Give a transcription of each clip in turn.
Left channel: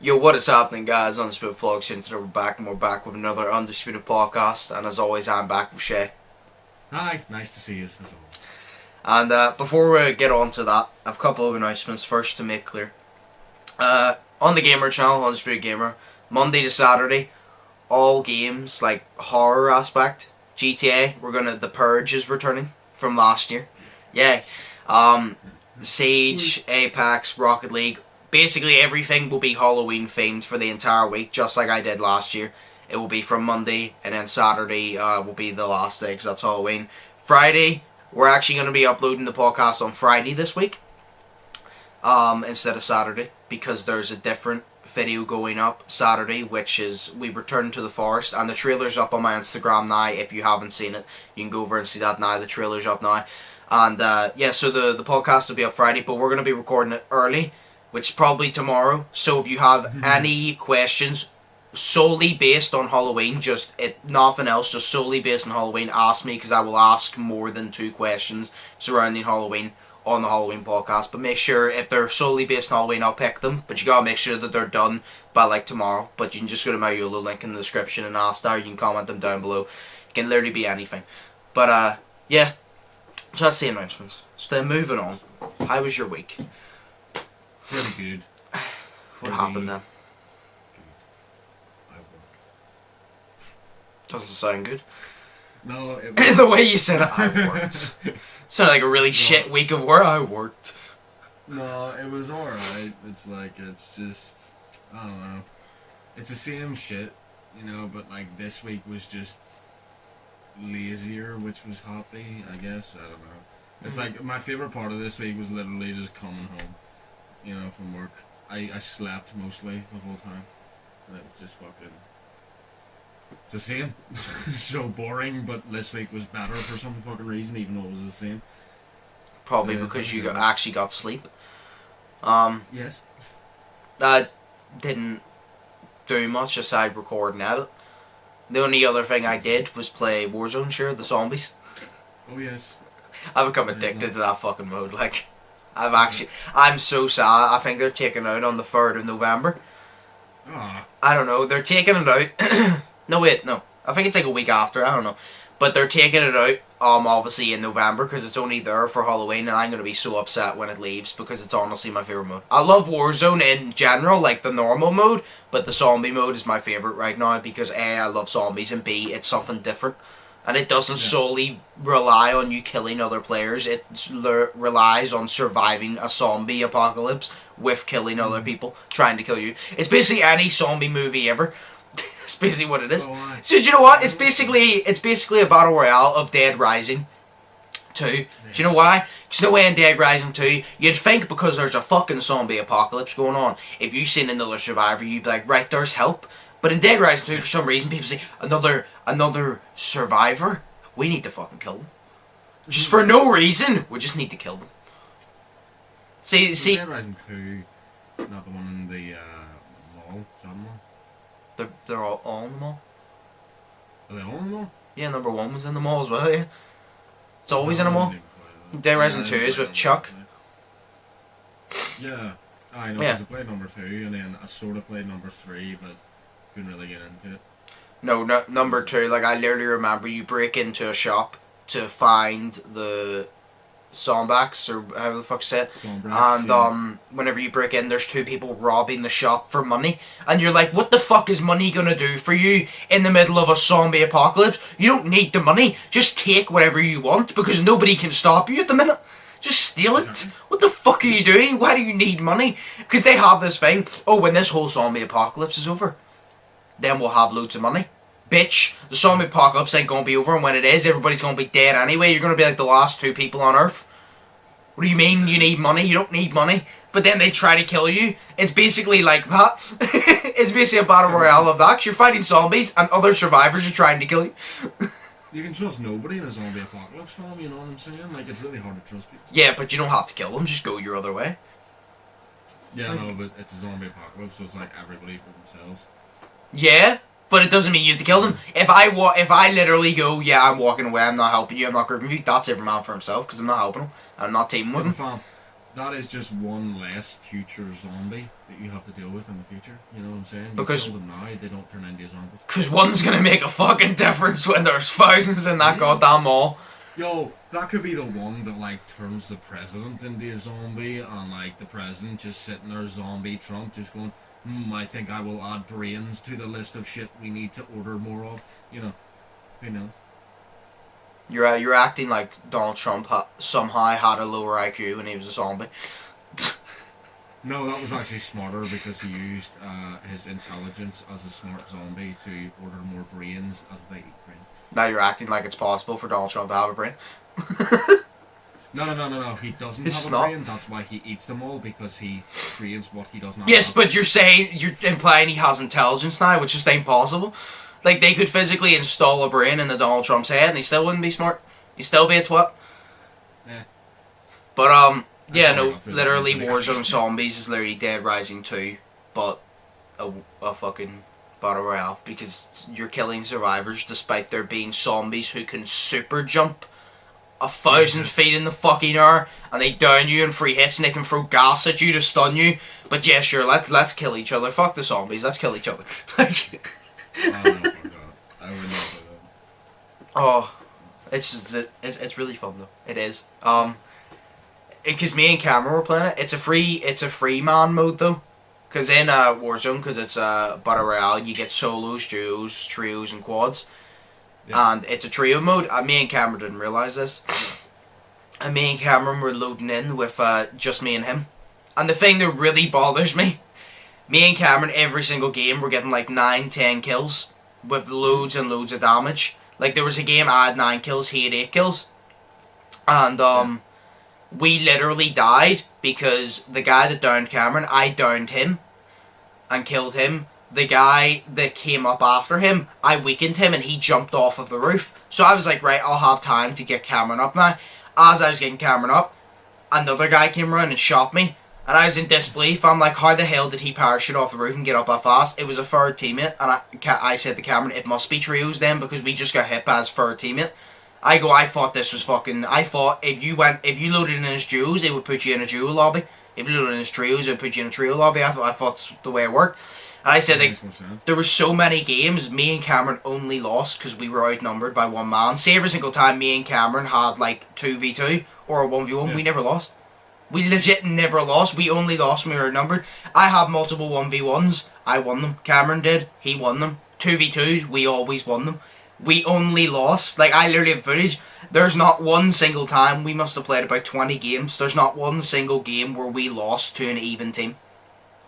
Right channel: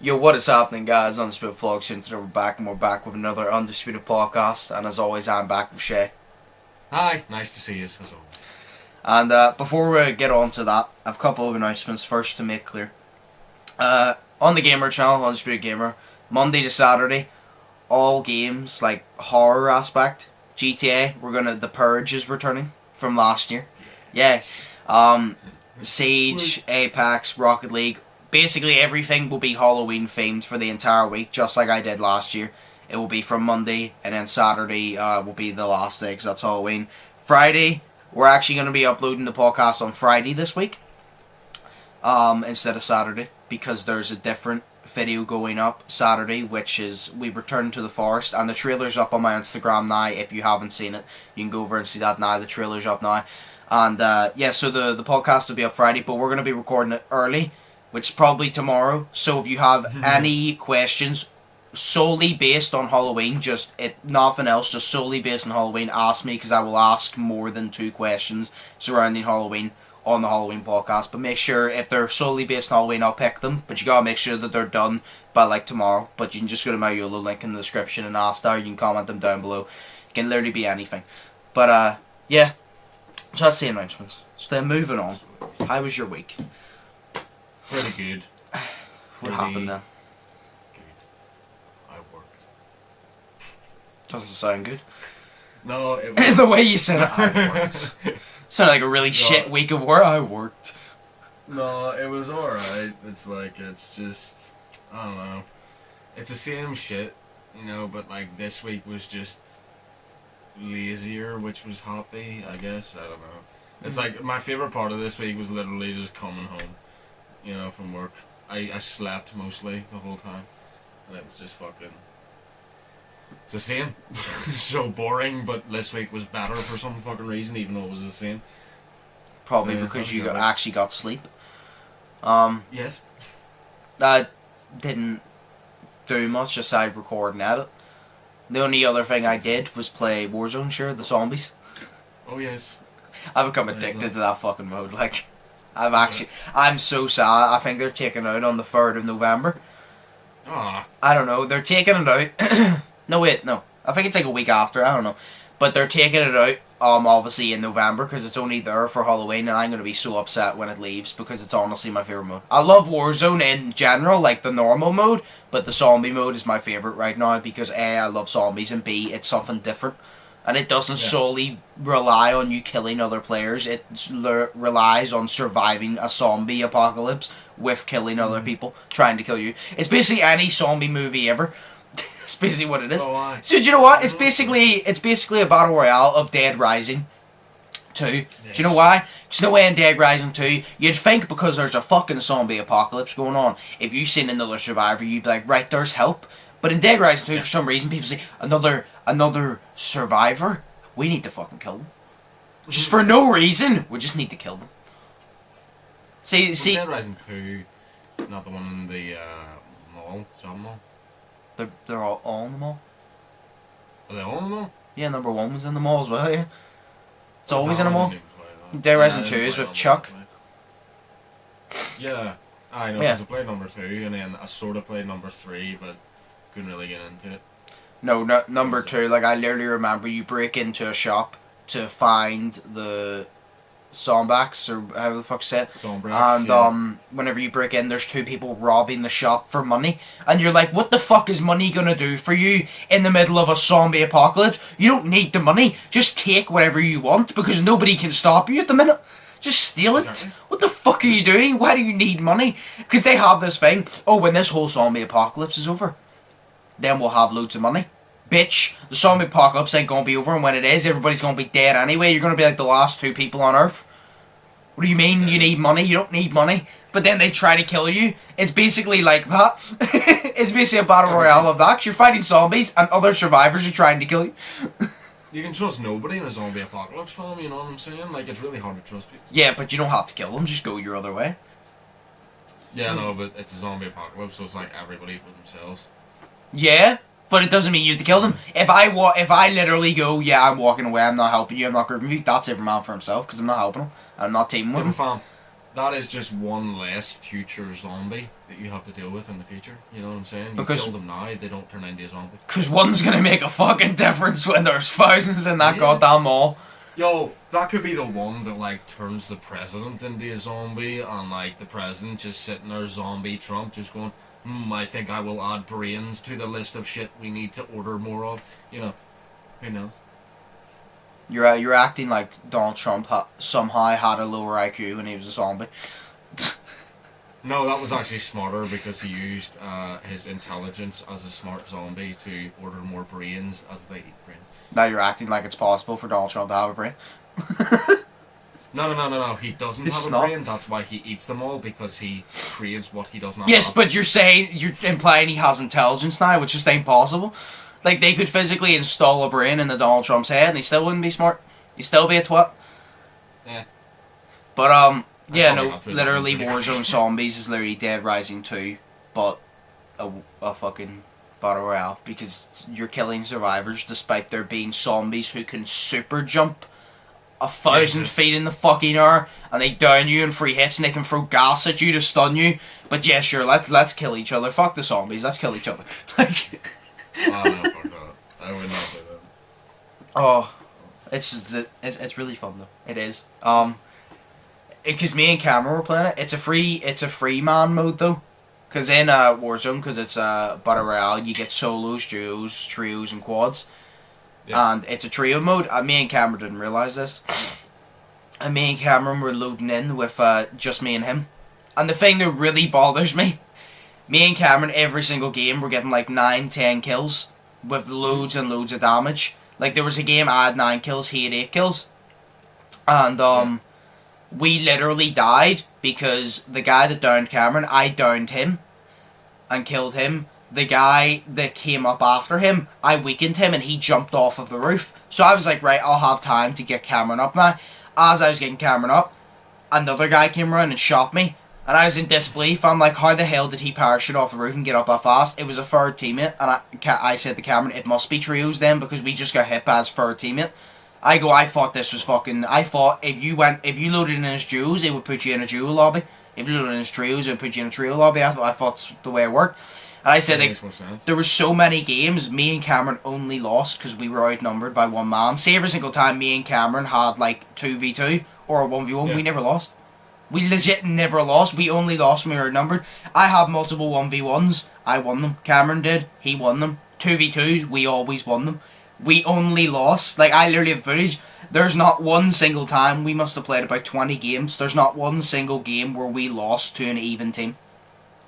Yo, what is happening, guys? Undisputed Vlogs, and today we're back with another Undisputed podcast, and as always, I'm back with Shay. Hi, nice to see you, as always. And before we get on to that, I have a couple of announcements first to make clear. On the Gamer channel, Undisputed Gamer, Monday to Saturday, all games, like horror aspect, GTA, The Purge is returning from last year. Yes. Siege, Apex, Rocket League, basically everything will be Halloween themed for the entire week, just like I did last year. It will be from Monday, and then Saturday will be the last day, because that's Halloween. Friday, we're actually going to be uploading the podcast on Friday this week, instead of Saturday, because there's a different video going up Saturday, which is We Return to the Forest, and the trailer's up on my Instagram now. If you haven't seen it, you can go over and see that now. The trailer's up now. And yeah, so the podcast will be up Friday, but we're going to be recording it early, which is probably tomorrow. So if you have any questions solely based on Halloween, nothing else, just solely based on Halloween, ask me, because I will ask more than 2 questions surrounding Halloween on the Halloween podcast. But make sure, if they're solely based on Halloween, I'll pick them, but you gotta make sure that they're done by like tomorrow. But you can just go to my YOLO link in the description and ask there. You can comment them down below. It can literally be anything. But yeah, so that's the announcements. So then moving on, how was your week? Pretty good. What happened then? Good. I worked. Doesn't sound good. No, it was... The way you said it, I worked. Sounded like a really shit week of work. I worked. No, it was alright. It's just... I don't know. It's the same shit, but like this week was just lazier, which was happy, I guess. I don't know. It's like, my favourite part of this week was literally just coming home, from work. I slept mostly the whole time, and it was just fucking... It's the same. So boring, but this week was better for some fucking reason, even though it was the same. Probably because you actually got sleep. Yes. I didn't do much aside record and edit. The only other thing I did was play Warzone, sure, the zombies. Oh yes. I've become addicted to that fucking mode, like... I'm so sad. I think they're taking it out on the 3rd of November. Ah. I don't know, they're taking it out... No, wait, no. I think it's like a week after, I don't know. But they're taking it out, obviously in November, because it's only there for Halloween, and I'm going to be so upset when it leaves, because it's honestly my favourite mode. I love Warzone in general, like the normal mode, but the zombie mode is my favourite right now, because A, I love zombies, and B, it's something different. And it doesn't solely rely on you killing other players, it relies on surviving a zombie apocalypse with killing other people, trying to kill you. It's basically any zombie movie ever. That's basically what it is. So do you know what? It's basically a battle royale of Dead Rising 2. Yes. Do you know why? Because no way in Dead Rising 2, you'd think because there's a fucking zombie apocalypse going on, if you've seen another survivor, you'd be like, right, there's help. But in Dead Rising 2, for some reason, people say, another survivor? We need to fucking kill them. Just for no reason. We just need to kill them. See, Dead Rising 2, not the one in the mall, shopping mall. They're all in the mall. Are they all in the mall? Yeah, number 1 was in the mall as well, yeah. It's always in the mall. Dead Rising 2 is with Chuck. Yeah, I know, because I played number 2, and then I sort of played number 3, but couldn't really get into it. No, number 2, like, I literally remember you break into a shop to find the zombies, or however the fuck say it. And whenever you break in, there's 2 people robbing the shop for money. And you're like, what the fuck is money gonna do for you in the middle of a zombie apocalypse? You don't need the money. Just take whatever you want, because nobody can stop you at the minute. Just steal it. Exactly. What the fuck are you doing? Why do you need money? Because they have this thing, when this whole zombie apocalypse is over, then we'll have loads of money. Bitch, the zombie apocalypse ain't gonna be over, and when it is, everybody's gonna be dead anyway. You're gonna be like the last 2 people on Earth. What do you mean you need money? You don't need money. But then they try to kill you. It's basically like that. It's basically a battle royale of that. You're fighting zombies, and other survivors are trying to kill you. You can trust nobody in a zombie apocalypse film, you know what I'm saying? Like, it's really hard to trust people. Yeah, but you don't have to kill them. Just go your other way. Yeah, no, but it's a zombie apocalypse, so it's like everybody for themselves. Yeah, but it doesn't mean you have to kill them. If I literally go, yeah, I'm walking away, I'm not helping you, I'm not grouping you, that's every man for himself, because I'm not helping him. I'm not teaming with him. that is just one less future zombie that you have to deal with in the future. You know what I'm saying? You Because- kill them now, they don't turn into a zombie. Because one's gonna make a fucking difference when there's thousands in that goddamn mall. Yo, that could be the one that, like, turns the president into a zombie, and, like, the president just sitting there, zombie Trump, just going, I think I will add brains to the list of shit we need to order more of. You know, who knows? You're acting like Donald Trump somehow had a lower IQ when he was a zombie. No, that was actually smarter because he used his intelligence as a smart zombie to order more brains as they eat brains. Now you're acting like it's possible for Donald Trump to have a brain. No. He doesn't It's have a not. brain. That's why he eats them all, because he craves what he doesn't have. Yes, but you're implying he has intelligence now, which just ain't possible. Like, they could physically install a brain into Donald Trump's head and he still wouldn't be smart. He'd still be a twat. Yeah. But, yeah, probably no, got through literally that one. Warzone Zombies is literally Dead Rising 2, but a fucking battle royale, because you're killing survivors despite there being zombies who can super jump 1,000 Jesus. feet in the fucking air, and they down you in 3 hits, and they can throw gas at you to stun you. But yeah, sure, let's kill each other. Fuck the zombies, let's kill each other. Oh, no, fuck that. I would not do that. Oh, it's really fun though. It is. Because me and Cameron were playing it. It's a free man mode though. Because in Warzone, because it's a battle royale, you get solos, duos, trios, and quads. Yeah. And it's a trio mode. And me and Cameron didn't realize this. And me and Cameron were loading in with just me and him. And the thing that really bothers me, me and Cameron every single game were getting like 9-10 kills with loads and loads of damage. Like there was a game I had 9 kills, he had 8 kills. And we literally died because the guy that downed Cameron, I downed him and killed him. The guy that came up after him, I weakened him and he jumped off of the roof. So I was like, right, I'll have time to get Cameron up now. As I was getting Cameron up, another guy came around and shot me. And I was in disbelief. I'm like, how the hell did he parachute off the roof and get up that fast? It was a third teammate. And I said to Cameron, it must be trios then, because we just got hit by his third teammate. I thought this was fucking... I thought if you loaded in his duos, it would put you in a duo lobby. If you loaded in his trios, it would put you in a trio lobby. I thought that's the way it worked. And I said, That like, makes more sense. there were so many games, me and Cameron only lost because we were outnumbered by one man. See, every single time me and Cameron had, like, 2v2 or a 1v1, we never lost. We legit never lost. We only lost when we were outnumbered. I had multiple 1v1s. I won them. Cameron did. He won them. 2v2s, we always won them. We only lost. Like, I literally have footage. There's not one single time. We must have played about 20 games. There's not one single game where we lost to an even team.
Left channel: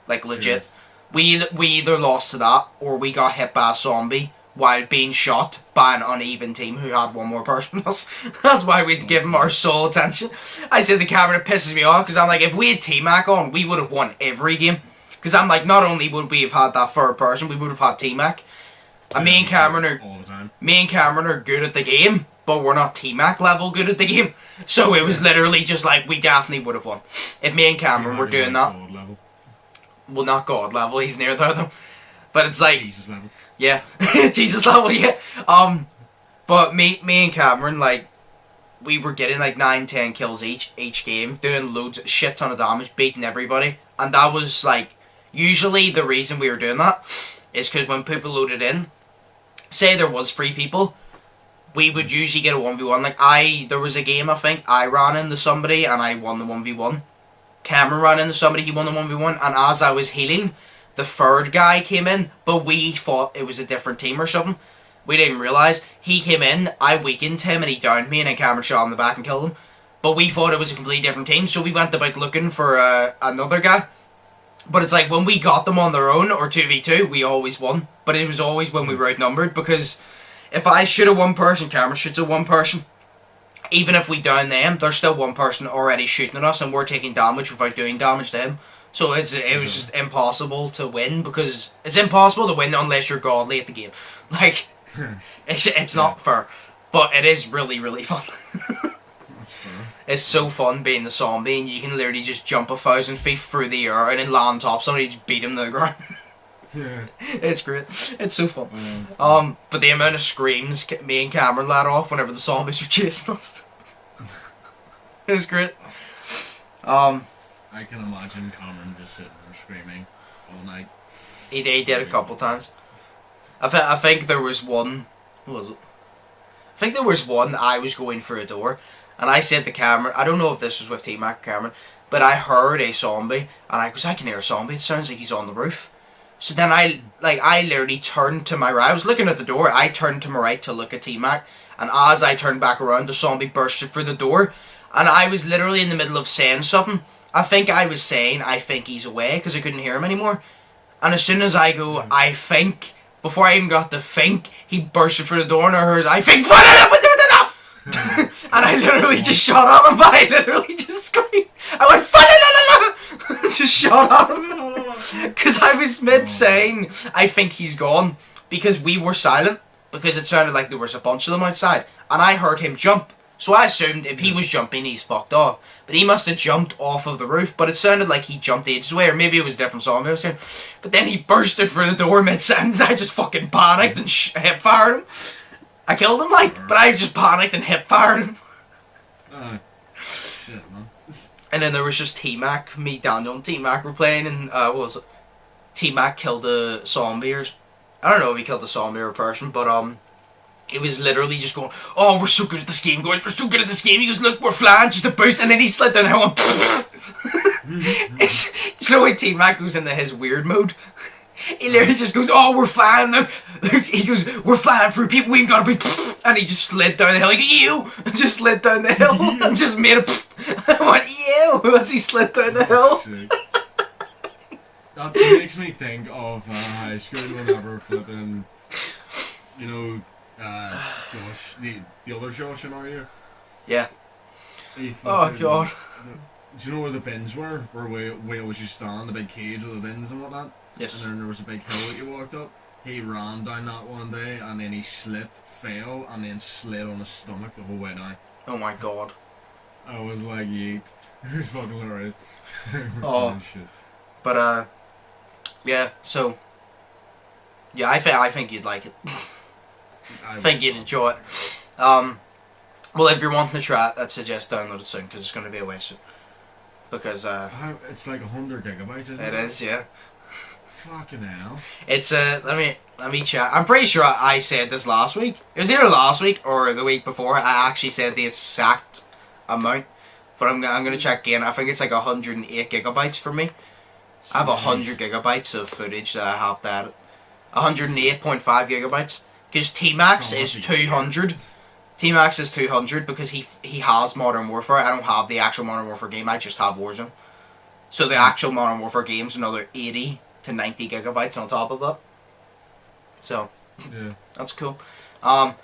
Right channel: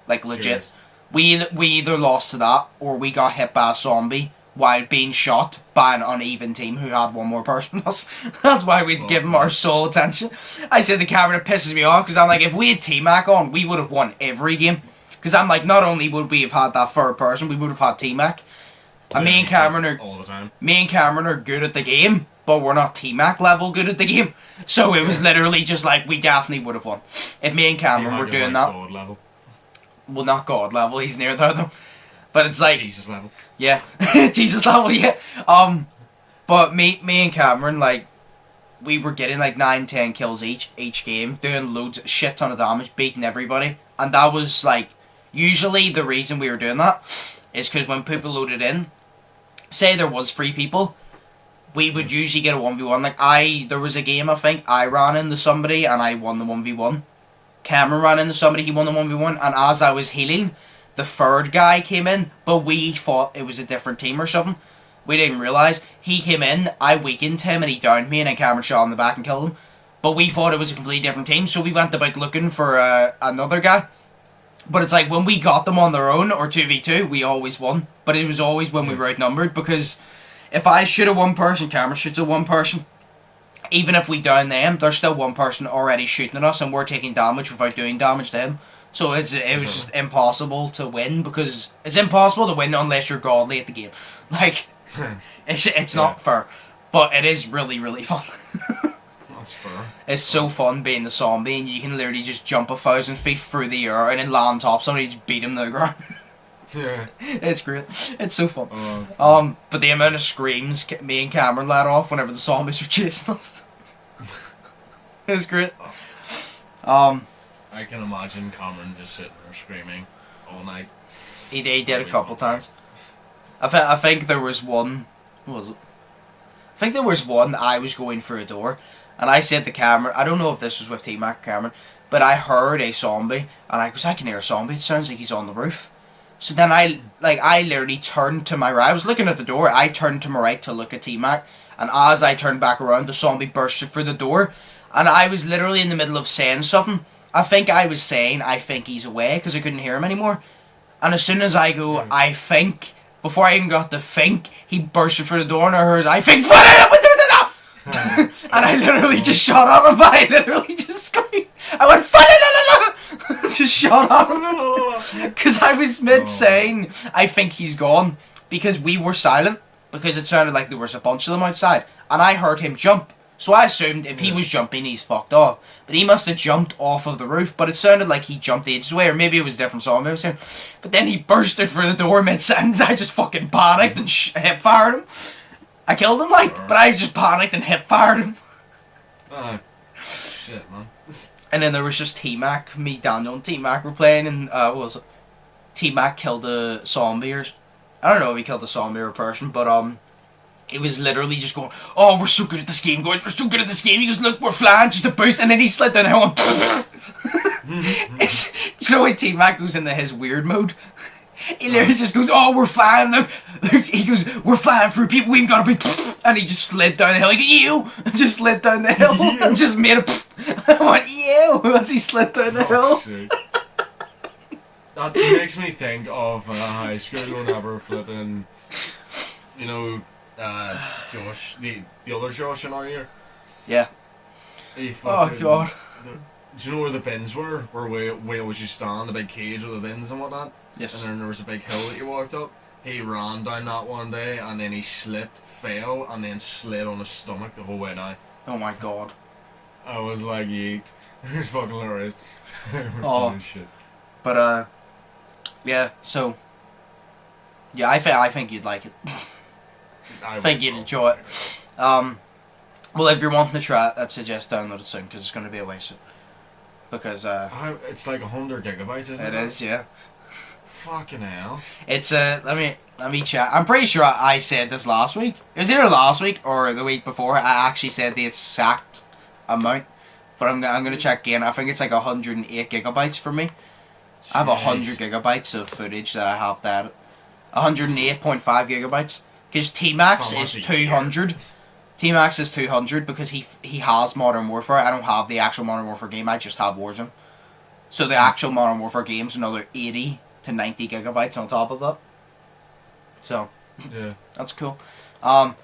Like, legit. Serious? We either lost to that, or we got hit by a zombie while being shot by an uneven team who had one more person than us. That's why we'd give him our sole attention. I said the camera pisses me off, because I'm like, if we had T-Mac on, we would have won every game. Because I'm like, not only would we have had that third person, we would have had T-Mac. And me and Cameron are all the time. Me and Cameron are good at the game, but we're not T-Mac level good at the game. So it was literally just like, we definitely would have won. If me and Cameron were doing that. God level. Well, not God level, he's near there though. But it's like, Jesus level. yeah, Jesus level, yeah. But me and Cameron, like, we were getting like 9-10 kills each game, doing loads, shit ton of damage, beating everybody. And that was like, usually the reason we were doing that is because when people loaded in, say there was 3 people, we would usually get a 1v1. Like, there was a game, I think, I ran into somebody and I won the 1v1. Cameron ran into somebody, he won the 1v1, and as I was healing, the third guy came in, but we thought it was a different team or something. We didn't realise. He came in, I weakened him, and he downed me, and then Cameron shot him in the back and killed him. But we thought it was a completely different team, so we went about looking for another guy. But it's like, when we got them on their own, or 2v2, we always won. But it was always when we were outnumbered, because if I shoot a one person, Cameron shoots a one person. Even if we down them, there's still one person already shooting at us, and we're taking damage without doing damage to him. So it was just impossible to win, because it's impossible to win unless you're godly at the game. Like, it's not fair, but it is really, really fun. That's fair. It's so fun being the zombie, and you can literally just jump 1,000 feet through the air and then land on top somebody, just beat him to the ground. Yeah. It's great. It's so fun. Oh, But the amount of screams me and Cameron let off whenever the zombies were chasing us. It was great. I can imagine Cameron just sitting there screaming all night. He did a couple times. I think there was one. What was it? I think there was one. I was going through a door, and I said to Cameron, I don't know if this was with T-Mac Cameron, but I heard a zombie, and I can hear a zombie. It sounds like he's on the roof. So then I literally turned to my right. I was looking at the door. I turned to my right to look at T-Mac, and as I turned back around, the zombie bursted through the door, and I was literally in the middle of saying something. I think I was saying, I think he's away, because I couldn't hear him anymore. And as soon as I go, I think, before I even got to think, he bursted through the door, and I heard, I think, and I literally just shot on him, but I literally just screamed. I went, just shot on him. Because I was mid-saying, I think he's gone, because we were silent, because it sounded like there was a bunch of them outside, and I heard him jump. So I assumed if he was jumping, he's fucked off. But he must have jumped off of the roof, but it sounded like he jumped ages away, or maybe it was a different song I was saying. But then he bursted through the door mid-sentence. I just fucking panicked and hip-fired him. I killed him, but I just panicked and hip-fired him. Shit, man. And then there was just T-Mac, me, Daniel, and T-Mac were playing, and what was it? T-Mac killed a zombie, or I don't know if he killed a zombie or a person, but it was literally just going, oh, we're so good at this game, guys, we're so good at this game. He goes, look, we're flying, just a boost, and then he slid down the hill and so when T-Mac goes into his weird mode, he literally just goes, oh, we're flying, look. He goes, we're flying through people, we ain't gotta be, and he just slid down the hill, like, ew, just slid down the hill, and just made a, I went, ew, as he slid down the hill. That makes me think of high school whenever flipping, you know, Josh, the other Josh in our year. Yeah. Oh god. Do you know where the bins were? Where we always used to stand, the big cage with the bins and whatnot? Yes. And then there was a big hill that you walked up. He ran down that one day and then he slipped, fell, and then slid on his stomach the whole way down. Oh my god. I was like, yeet. It was fucking hilarious. Oh. Shit. But, yeah, so, yeah, I think you'd like it. I think you'd enjoy it. Well, if you're wanting to try it, I'd suggest download it soon, because it's going to be a waste. Because, it's like 100 gigabytes, isn't it? It is, yeah. Fucking hell. It's, let me check. I'm pretty sure I said this last week. It was either last week or the week before. I actually said the exact amount. But I'm going to check again. I think it's like 108 gigabytes for me. Jeez. I have 100 gigabytes of footage that I have that. 108.5 gigabytes. Because T-Max is 200. T-Max is 200 because he has Modern Warfare. I don't have the actual Modern Warfare game, I just have Warzone. So the actual Modern Warfare game's another 80 to 90 gigabytes on top of that. So, yeah, that's cool. But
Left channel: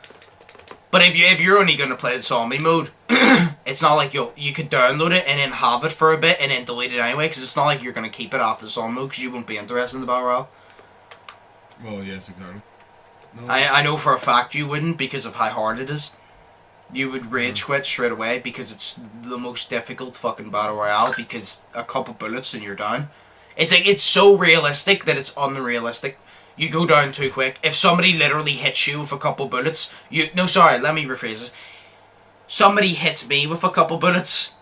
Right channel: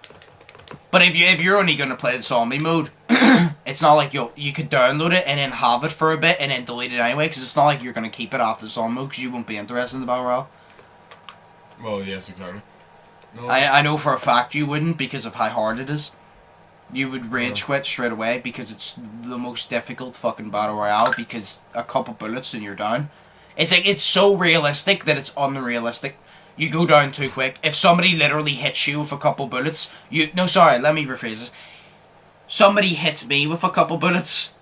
if you're only going to play the zombie mode, it's not like you could download it and then have it for a bit and then delete it anyway, because it's not like you're going to keep it after the zombie mode, because you won't be interested in the Battle Royale. Well, yes, exactly. No, I know for a fact you wouldn't, because of how hard it is. You would rage quit straight away, because it's the most difficult fucking Battle Royale, because a couple bullets and you're down. It's like, it's so realistic that it's unrealistic. You go down too quick. If somebody literally hits you with a couple bullets, no, sorry, let me rephrase this. Somebody hits me with a couple bullets,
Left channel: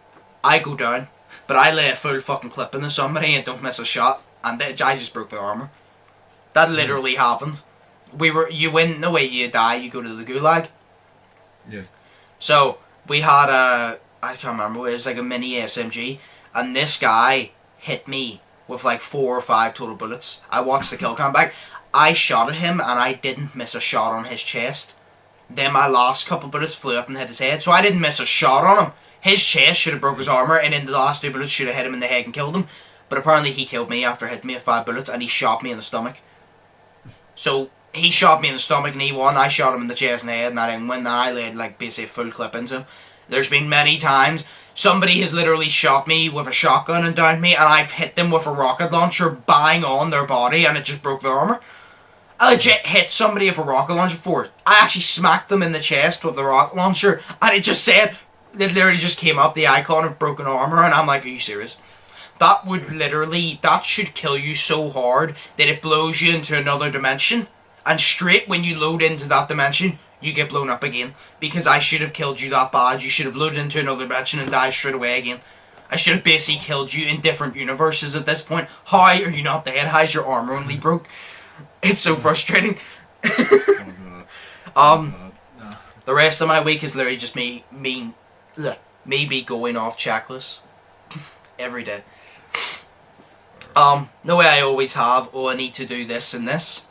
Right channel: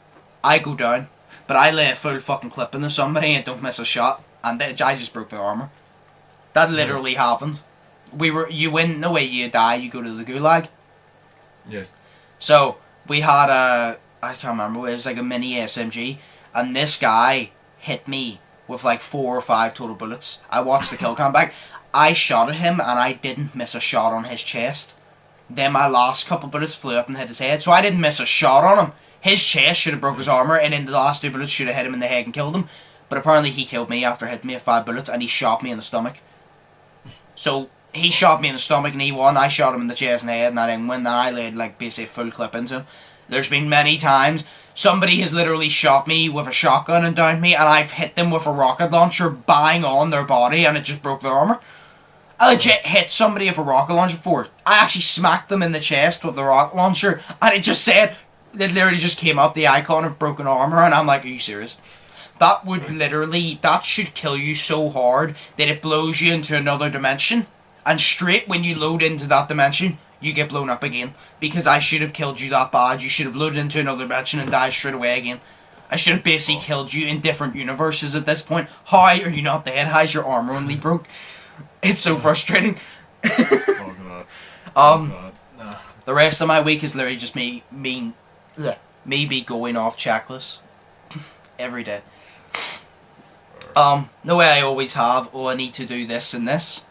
I go down. But I lay a full fucking clip into somebody and don't miss a shot, and I just broke their armor. That literally happened. You win, no way you die, you go to the gulag. Yes. So, we had I can't remember, it was like a mini SMG, and this guy hit me with like 4 or 5 total bullets. I watched the kill cam back. I shot at him, and I didn't miss a shot on his chest. Then my last couple bullets flew up and hit his head, so I didn't miss a shot on him. His chest should have broke his armor, and then the last 2 bullets should have hit him in the head and killed him. But apparently he killed me after hitting me with 5 bullets, and he shot me in the stomach. So, he shot me in the stomach and he won. I shot him in the chest and the head, and I didn't win. And I laid like basically full clip into him. There's been many times somebody has literally shot me with a shotgun and downed me, and I've hit them with a rocket launcher bang on their body, and it just broke their armor. I legit hit somebody with a rocket launcher before. I actually smacked them in the chest with the rocket launcher, and it just said, it literally just came up, the icon of broken armor, and I'm like, are you serious? That would literally, that should kill you so hard that it blows you into another dimension. And straight when you load into that dimension, you get blown up again. Because I should have killed you that bad. You should have loaded into another dimension and died straight away again. I should have basically killed you in different universes at this point. How are you not dead? How's your armor only broke? It's so frustrating. Oh god. Nah. The rest of my week is literally just me be going off checklists every day. The way I always have, I need to do this and this.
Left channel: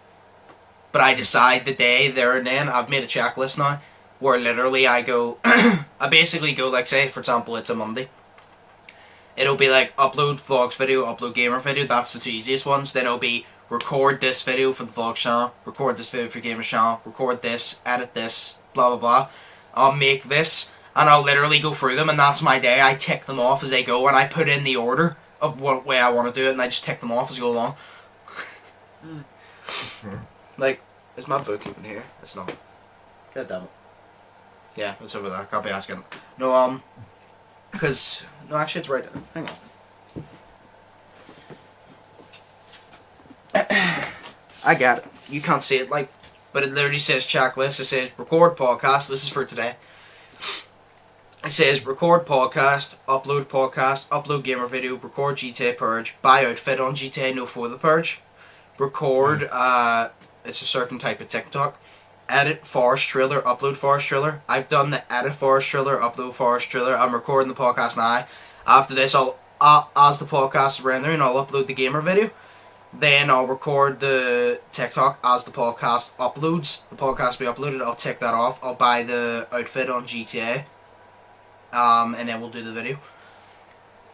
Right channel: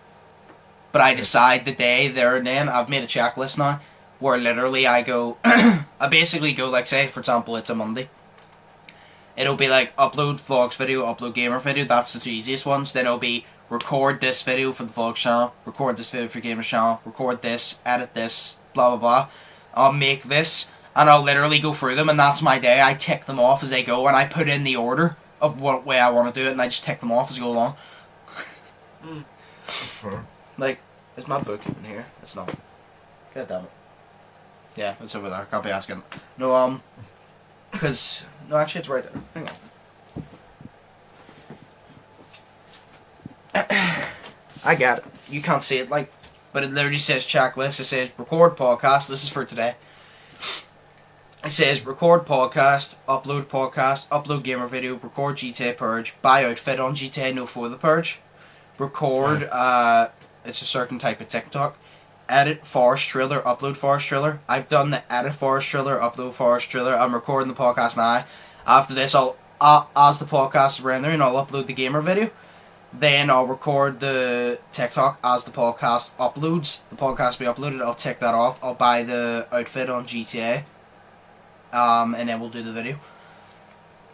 But I decide the day there and then, I've made a checklist now, where literally I go, I basically go, like, say, for example, it's a Monday. It'll be like, upload vlogs video, upload gamer video, that's the two easiest ones. Then it'll be, record this video for the vlog channel, record this video for gamer channel, record this, edit this, blah blah blah. I'll make this, and I'll literally go through them, and that's my day. I tick them off as they go, and I put in the order of what way I want to do it, and I just tick them off as I go along. Sure. Like, is my book even here? It's not. God damn it. Yeah, it's over there. Can't be asking. No, because... No, actually, it's right there. Hang on. I got it. You can't see it, like... But it literally says checklist. It says record podcast. This is for today. It says record podcast, upload gamer video, record GTA Purge, buy outfit on GTA No For The Purge, record, it's a certain type of TikTok, edit Forest Trailer, upload Forest Trailer. I've done the edit Forest Trailer, upload Forest Trailer. I'm recording the podcast now. After this, I'll, as the podcast is rendering, I'll upload the gamer video. Then I'll record the TikTok as the podcast uploads. The podcast will be uploaded, I'll tick that off. I'll buy the outfit on GTA. And then we'll do the video.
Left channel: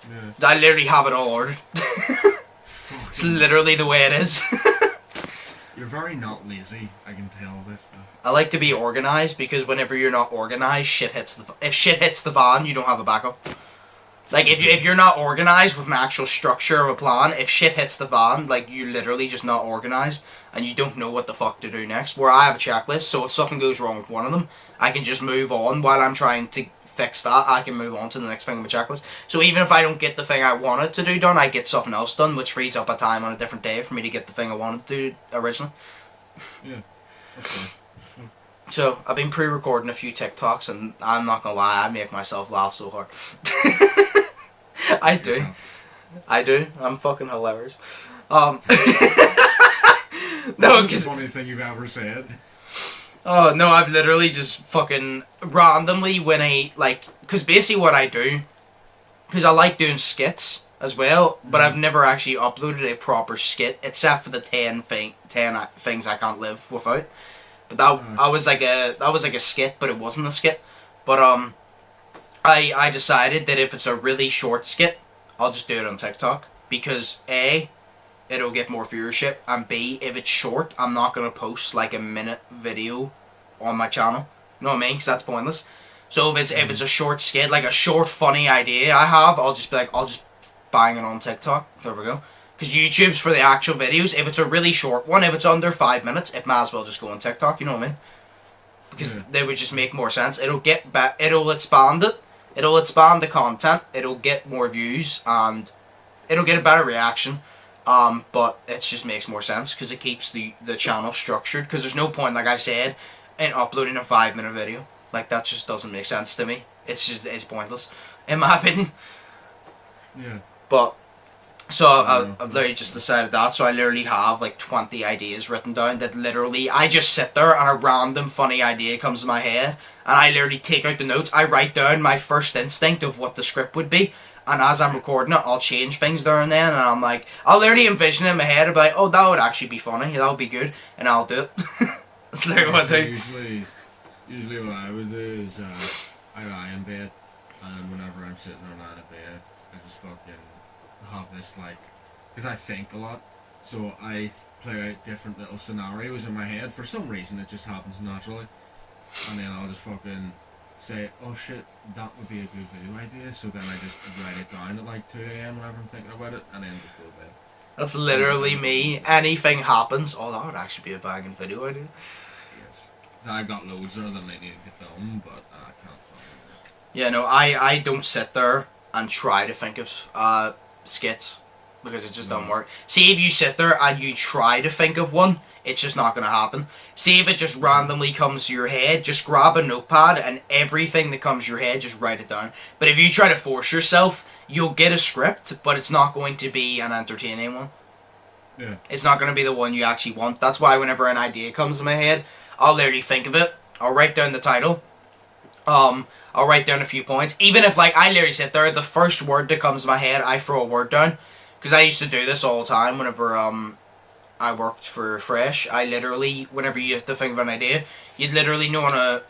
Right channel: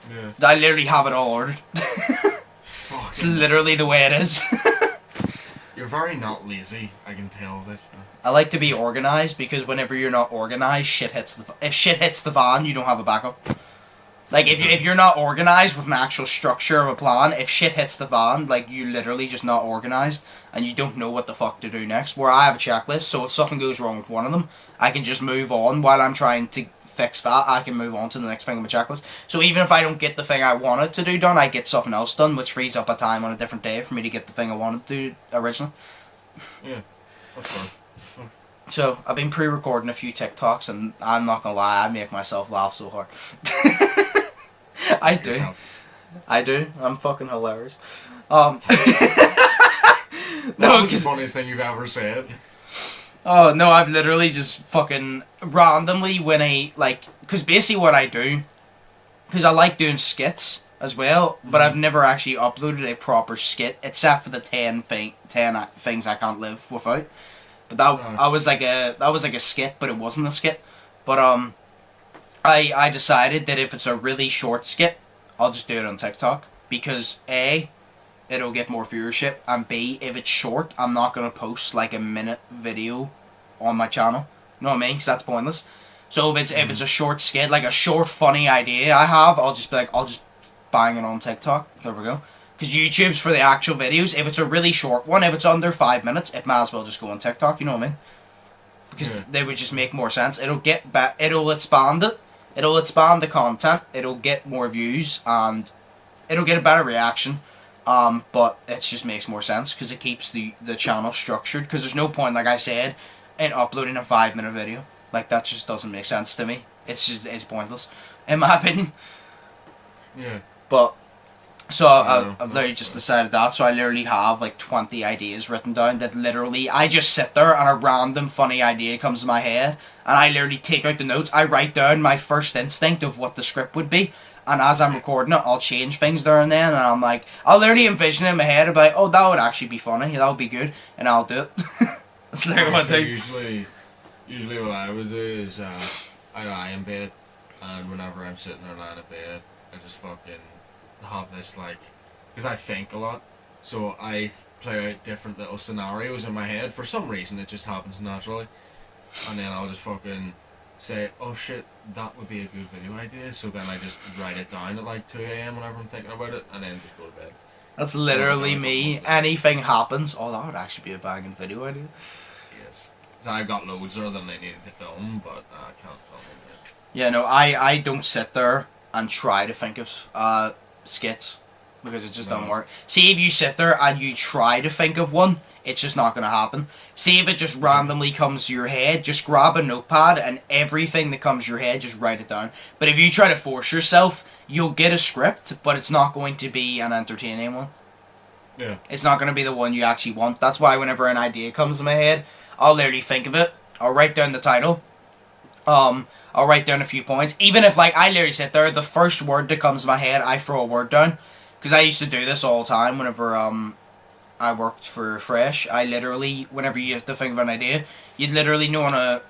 Yeah. I literally have it all ordered. It's literally the way it is. You're very not lazy, I can tell this. I like to be organised, because whenever you're not organised, if shit hits the fan, you don't have a backup. Like, if you're not organised with an actual structure of a plan, if shit hits the fan, like, you're literally just not organised, and you don't know what the fuck to do next. Where I have a checklist, so if something goes wrong with one of them, I can just move on while I'm trying to fix that. I can move on to the next thing on my checklist. So even if I don't get the thing I wanted to do done, I get something else done, which frees up a time on a different day for me to get the thing I wanted to do originally. Yeah, that's fine. So, I've been pre-recording a few TikToks, and I'm not gonna lie, I make myself laugh so hard. I do. Yourself. I do. I'm fucking hilarious. That No, was the funniest thing you've ever said. oh no, I've literally just fucking randomly because basically what I do, because I like doing skits as well, but I've never actually uploaded a proper skit, except for the 10 things I can't live without. But that was like a skit, but it wasn't a skit. But I decided that if it's a really short skit, I'll just do it on TikTok, because A, it'll get more viewership, and B, if it's short, I'm not gonna post like a minute video on my channel. You know what I mean? Because that's pointless. So if it's a short skit, like a short funny idea I have, I'll just be like, I'll just bang it on TikTok. There we go. Because YouTube's for the actual videos. If it's a really short one, if it's under 5 minutes, it might as well just go on TikTok. You know what I mean? Because they would just make more sense. It'll expand it. It'll expand the content. It'll get more views, and it'll get a better reaction. But it just makes more sense because it keeps the channel structured. Because there's no point, like I said, in uploading a 5-minute video. Like, that just doesn't make sense to me. It's pointless, in my opinion. Yeah. But so I've literally just decided that. So I literally have like 20 ideas written down that literally I just sit there and a random funny idea comes to my head, and I literally take out the notes. I write down my first instinct of what the script would be. And as I'm recording it, I'll change things there and then, and I'm like, I'll literally envision it in my head, I'll be like, oh, that would actually be funny, that would be good, and I'll do it. That's literally what I do. Usually what I would do is, I lie in bed, and whenever I'm sitting there lying in bed, I just fucking have this, like, because I think a lot, so I play out different little scenarios in my head. For some reason, it just happens naturally, and then I'll just fucking say, oh shit, that would be a good video idea, so then I just write it down at like 2 AM whenever I'm thinking about it, and then just go to bed. That's literally me. Anything happens, oh, that would actually be a banging video idea. Yes. So I got loads there that I needed to film, but I can't film them yet. Yeah, no, I don't sit there and try to think of skits, because it just doesn't work. See, if you sit there and you try to think of one, it's just not going to happen. See, if it just randomly comes to your head, just grab a notepad and everything that comes to your head, just write it down. But if you try to force yourself, you'll get a script, but it's not going to be an entertaining one. Yeah. It's not going to be the one you actually want. That's why whenever an idea comes to my head, I'll literally think of it. I'll write down the title. I'll write down a few points. Even if, like, I literally sit there, the first word that comes to my head, I throw a word down. Because I used to do this all the time whenever I worked for Fresh. I literally, whenever you have to think of an idea, you'd literally know on a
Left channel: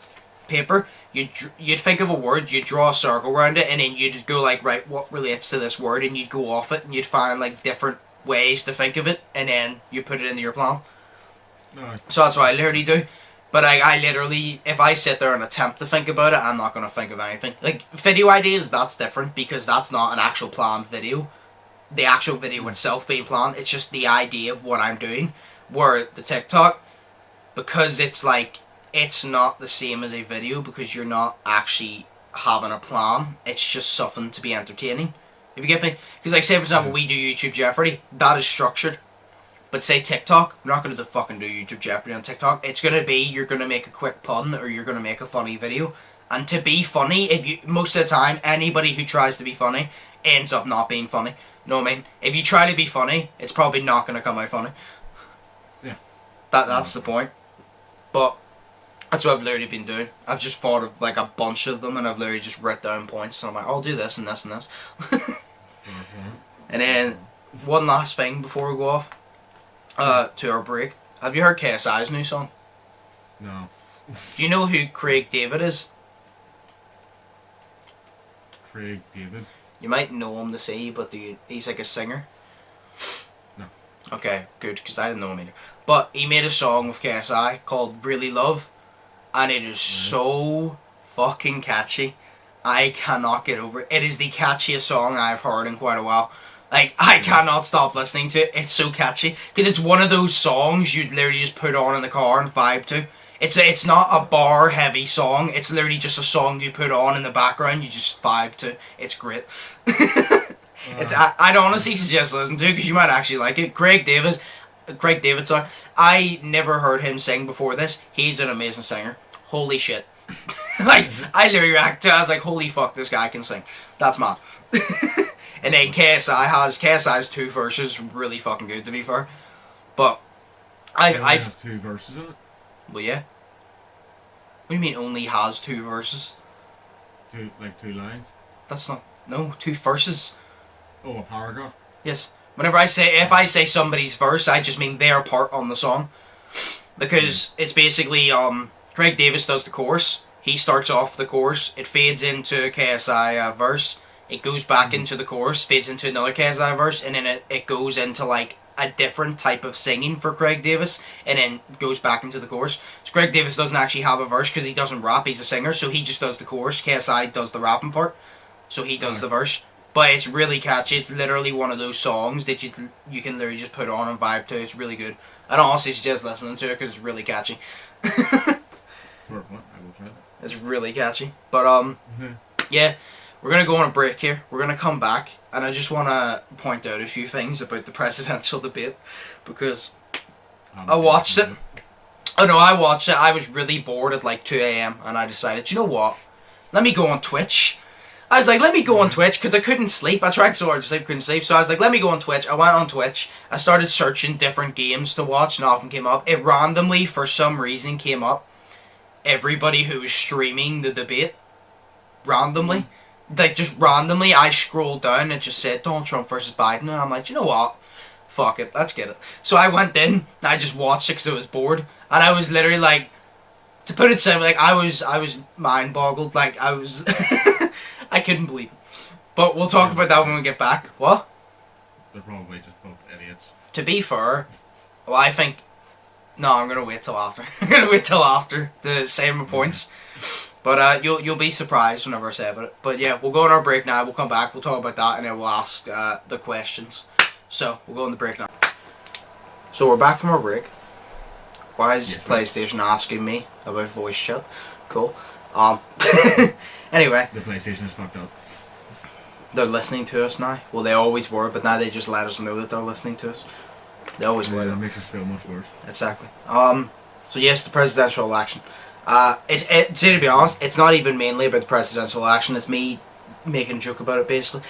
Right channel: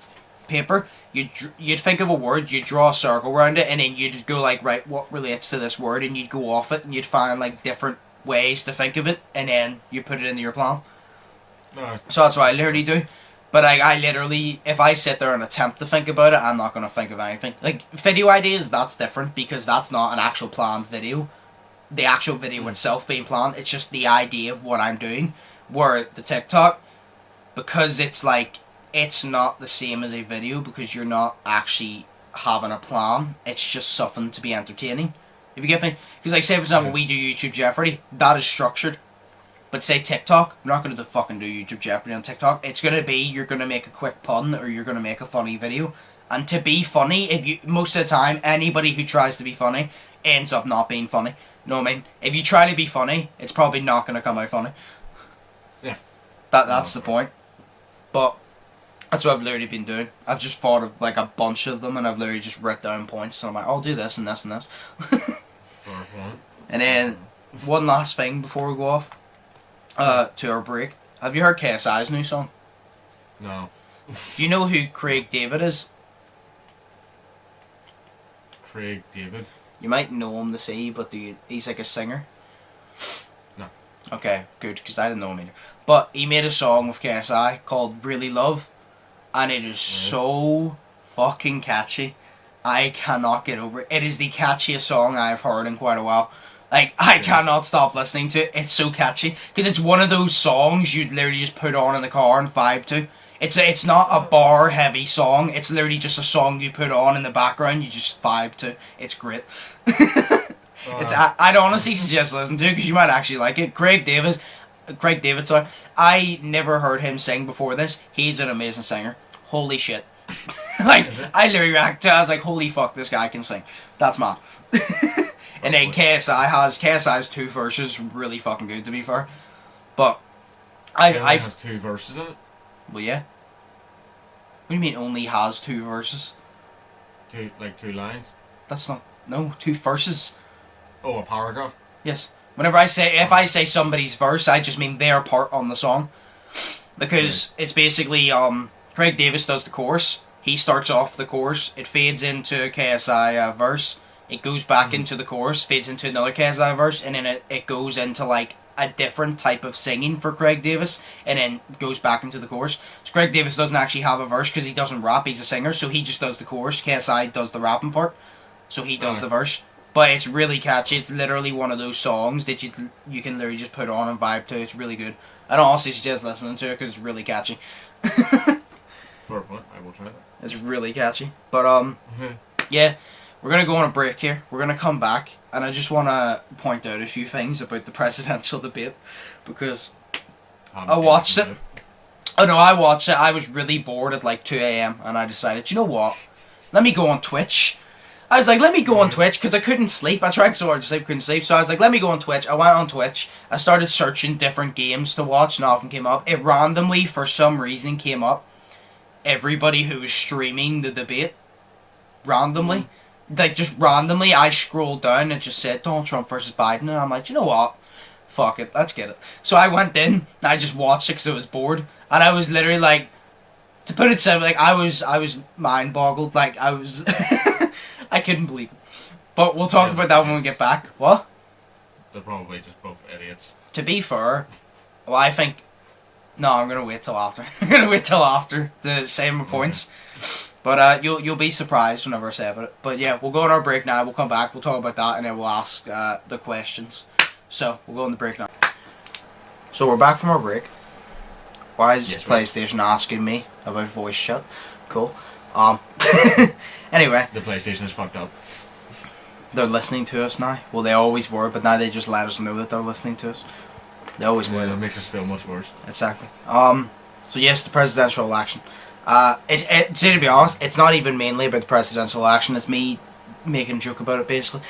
paper, you'd think of a word, you'd draw a circle around it, and then you'd go like, right, what relates to this word, and you'd go off it, and you'd find like different ways to think of it, and then you put it into your plan. No. So that's what I literally do. But I literally, if I sit there and attempt to think about it, I'm not going to think of anything. Like, video ideas, that's different, because that's not an actual planned video. The actual video itself being planned, it's just the idea of what I'm doing. Where the TikTok, because it's like, it's not the same as a video, because you're not actually having a plan. It's just something to be entertaining. If you get me? Because like, say for example, we do YouTube Jeopardy, that is structured. But say TikTok, we're not going to fucking do YouTube Jeopardy on TikTok. It's going to be, you're going to make a quick pun, or you're going to make a funny video. And to be funny, most of the time, anybody who tries to be funny ends up not being funny. You know what I mean? If you try to be funny, it's probably not going to come out funny. Yeah. That's the point. But that's what I've literally been doing. I've just thought of like a bunch of them, and I've literally just written down points. And I'm like, I'll do this and this and this. And then one last thing before we go off to our break. Have you heard KSI's new song? No. Do you know who Craig David is? Craig David? You might know him to see, but he's like a singer. No. Okay, good, because I didn't know him either. But he made a song with KSI called Really Love, and it is so fucking catchy. I cannot get over it. It is the catchiest song I've heard in quite a while. Like, I cannot stop listening to it. It's so catchy. Because it's one of those songs you'd literally just put on in the car and vibe to. It's not a bar-heavy song. It's literally just a song you put on in the background. You just vibe to. It's great. I'd honestly suggest listening to it because you might actually like it. Craig David, sorry. I never heard him sing before this. He's an amazing singer. Holy shit. Like, I literally reacted to it. I was like, holy fuck, this guy can sing. That's mad. And then KSI has 2 verses. Really fucking good, to be fair. But It has 2 verses in it? Well, yeah. What do you mean only has 2 verses? 2 lines? That's not... No, 2 verses. Oh, a paragraph? Yes. If I say somebody's verse, I just mean their part on the song. Because it's basically, Craig Davis does the chorus. He starts off the chorus. It fades into a KSI verse. It goes back into the chorus, fades into another KSI verse, and then it goes into, like, a different type of singing for Craig Davis, and then goes back into the chorus. So Craig Davis doesn't actually have a verse because he doesn't rap, he's a singer, so he just does the chorus. KSI does the rapping part, so he does the verse. But it's really catchy. It's literally one of those songs that you can literally just put on and vibe to. It's really good. I don't honestly suggest listening to it because it's really catchy. Fair point, I will try that. It's really catchy. But, yeah. We're going to go on a break here. We're going to come back. And I just want to point out a few things about the presidential debate. Because I watched it. Oh no, I watched it. I was really bored at like 2 a.m. And I decided, you know what? Let me go on Twitch. I was like, let me go on Twitch. Because I couldn't sleep. I tried so hard to sleep, couldn't sleep. So I was like, let me go on Twitch. I went on Twitch. I started searching different games to watch. And nothing came up. It randomly, for some reason, came up. Everybody who was streaming the debate. Randomly. Like, just randomly, I scrolled down and it just said Donald Trump versus Biden, and I'm like, you know what? Fuck it, let's get it. So I went in, and I just watched it because I was bored, and I was literally like, to put it simply, like, I was mind-boggled, like, I was, I couldn't believe it. But we'll talk about that when we get back. What? They're probably just both idiots. To be fair, well, I think, no, I'm going to wait till after. I'm going to wait till after to say my points. But you'll be surprised whenever I say about it. But yeah, we'll go on our break now. We'll come back. We'll talk about that, and then we'll ask the questions. So we'll go on the break now. So we're back from our break. Why is PlayStation asking me about voice chat? Cool. Anyway, the PlayStation is fucked up. They're listening to us now. Well, they always were, but now they just let us know that they're listening to us. They always were. That makes us feel much worse. Exactly. So yes, the presidential election. To be honest, it's not even mainly about the presidential election. It's me making a joke about it, basically.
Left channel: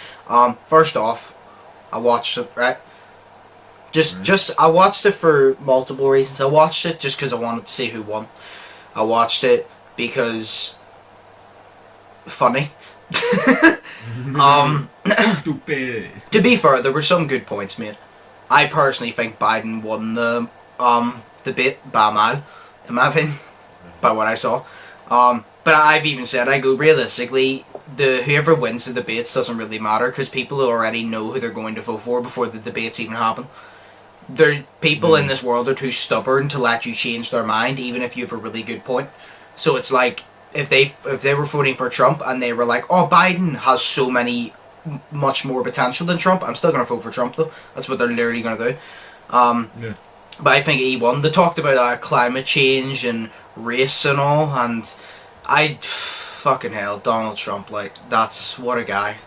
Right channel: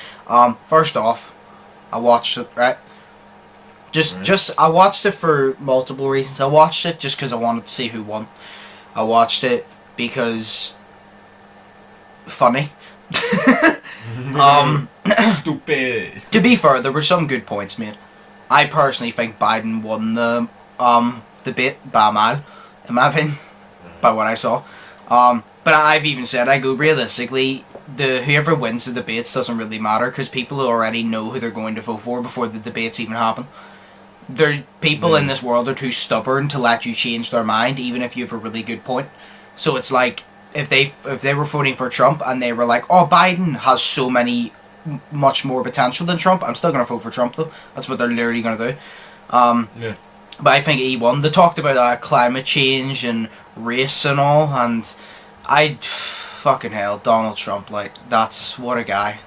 First off, I watched it, right? I watched it for multiple reasons. I watched it just because I wanted to see who won. I watched it because funny. Stupid. To be fair, there were some good points made. I personally think Biden won the debate by a mile, in my opinion, by what I saw. But I've even said, I go, realistically, whoever wins the debates doesn't really matter because people already know who they're going to vote for before the debates even happen. People in this world are too stubborn to let you change their mind, even if you have a really good point. So it's like, if they were voting for Trump and they were like, oh, Biden has much more potential than Trump, I'm still going to vote for Trump though. That's what they're literally going to do. But I think he won. They talked about climate change and race and all, and fucking hell, Donald Trump, like, that's, what a guy.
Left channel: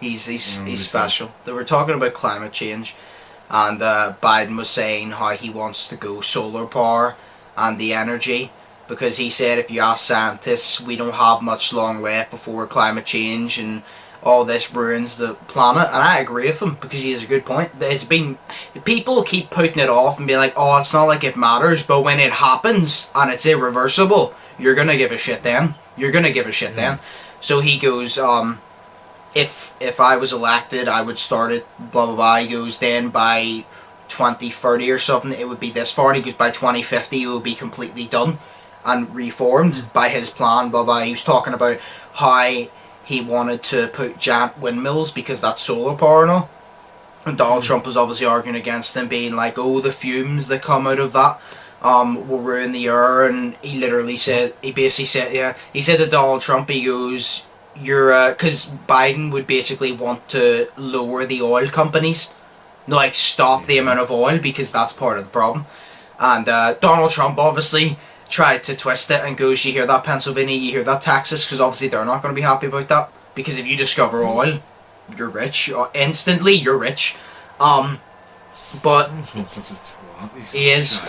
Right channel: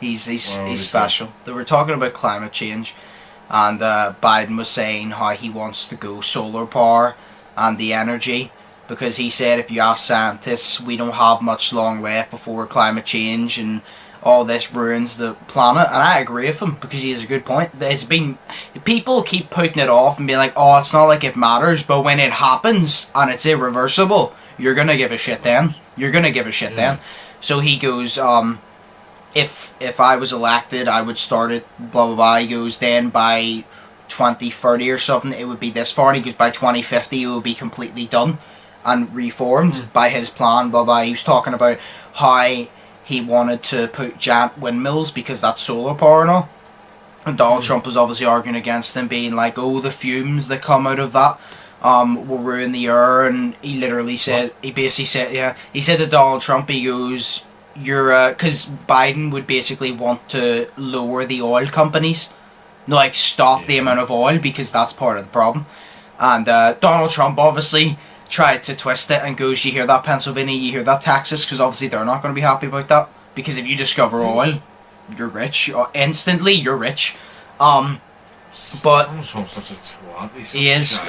He's special. They were talking about climate change, and Biden was saying how he wants to go solar power and the energy, because he said if you ask scientists, we don't have much long left before climate change and all this ruins the planet. And I agree with him, because he has a good point. People keep putting it off and being like, oh, it's not like it matters, but when it happens and it's irreversible, you're gonna give a shit then. Then. So he goes, if I was elected, I would start it, blah blah blah. He goes, then by 2030 or something, it would be this far. And he goes, by 2050, it will be completely done and reformed by his plan, blah blah. He was talking about how he wanted to put giant windmills because that's solar power and all. And Donald Trump was obviously arguing against them, being like, oh, the fumes that come out of that will ruin the air. And he literally said, he said to Donald Trump, he goes, because Biden would basically want to lower the oil companies, like stop the amount of oil, because that's part of the problem. And Donald Trump obviously tried to twist it and goes, you hear that, Pennsylvania, you hear that, Texas, because obviously they're not going to be happy about that, because if you discover oil, you're rich. Instantly, you're rich. But Trump's such a twat. He's he is,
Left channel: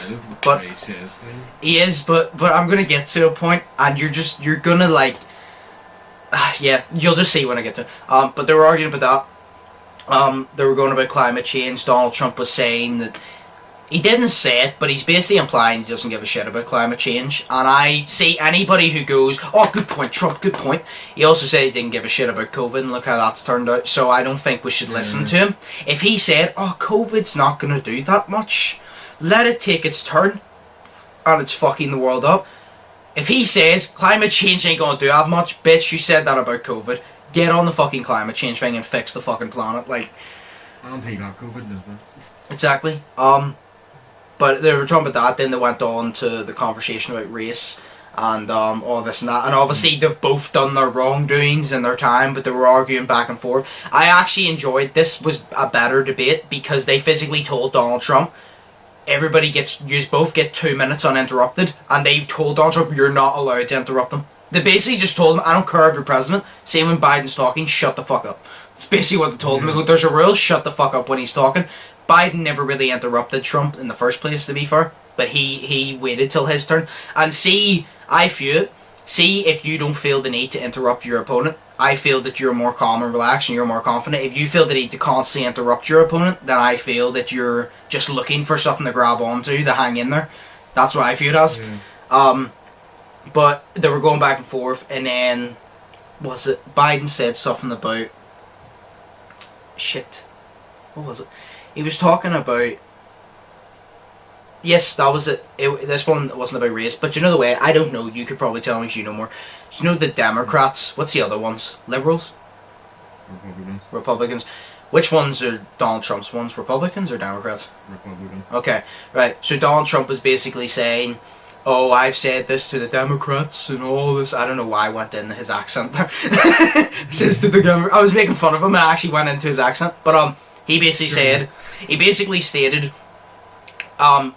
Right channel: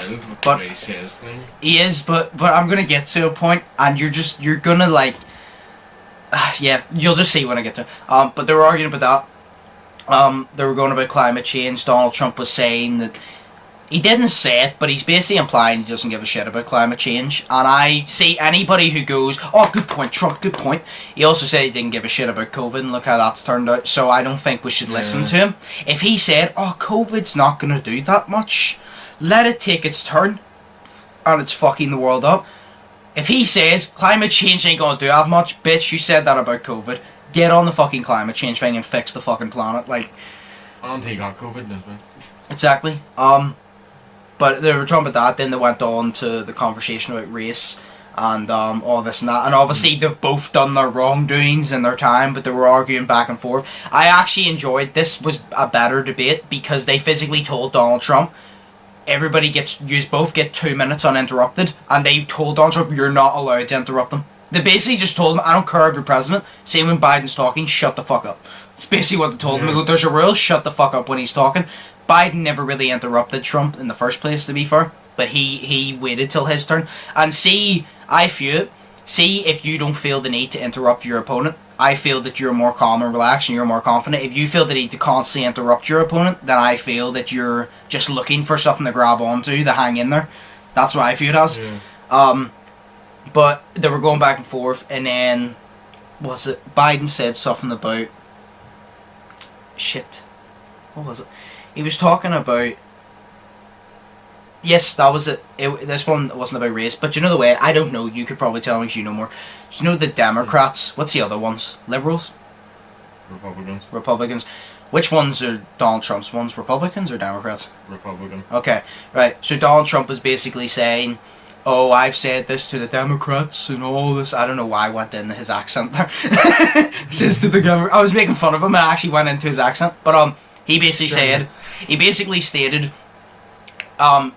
but he says things. He is, but I'm going to get to a point, and you're going to like, yeah, you'll just see when I get to it. But they were arguing about that. They were going about climate change. Donald Trump was saying that he didn't say it, but he's basically implying he doesn't give a shit about climate change. And I see anybody who goes, oh, good point, Trump, good point. He also said he didn't give a shit about COVID, and look how that's turned out. So I don't think we should listen to him. If he said, oh, COVID's not going to do that much, let it take its turn, and it's fucking the world up. If he says climate change ain't going to do that much, bitch, you said that about COVID. Get on the fucking climate change thing and fix the fucking planet. Like, I don't think he got COVID, does it? Exactly. But they were talking about that, then they went on to the conversation about race and all this and that. And obviously they've both done their wrongdoings in their time, but they were arguing back and forth. I actually enjoyed, this was a better debate, because they physically told Donald Trump, you both get 2 minutes uninterrupted, and they told Donald Trump, you're not allowed to interrupt them. They basically just told him, I don't care if you're president, same when Biden's talking, shut the fuck up. That's basically what they told him. They go, there's a rule, shut the fuck up when he's talking. Biden never really interrupted Trump in the first place, to be fair, but he waited till his turn. And I feel, if you don't feel the need to interrupt your opponent, I feel that you're more calm and relaxed and you're more confident. If you feel the need to constantly interrupt your opponent, then I feel that you're just looking for something to grab onto, to hang in there. That's what I feel it as. Yeah. But they were going back and forth, and then, Biden said something about, what was it? He was talking about, yes, that was it. This one wasn't about race, but you know the way, I don't know, you could probably tell me because you know more. You know the Democrats, what's the other ones? Liberals? Republicans. Which ones are Donald Trump's ones? Republicans or Democrats? Republican. Okay, right. So Donald Trump was basically saying, oh, I've said this to the Democrats and all this. I don't know why I went in his accent there. Says to the Democrats. I was making fun of him and I actually went into his accent. But he basically stated,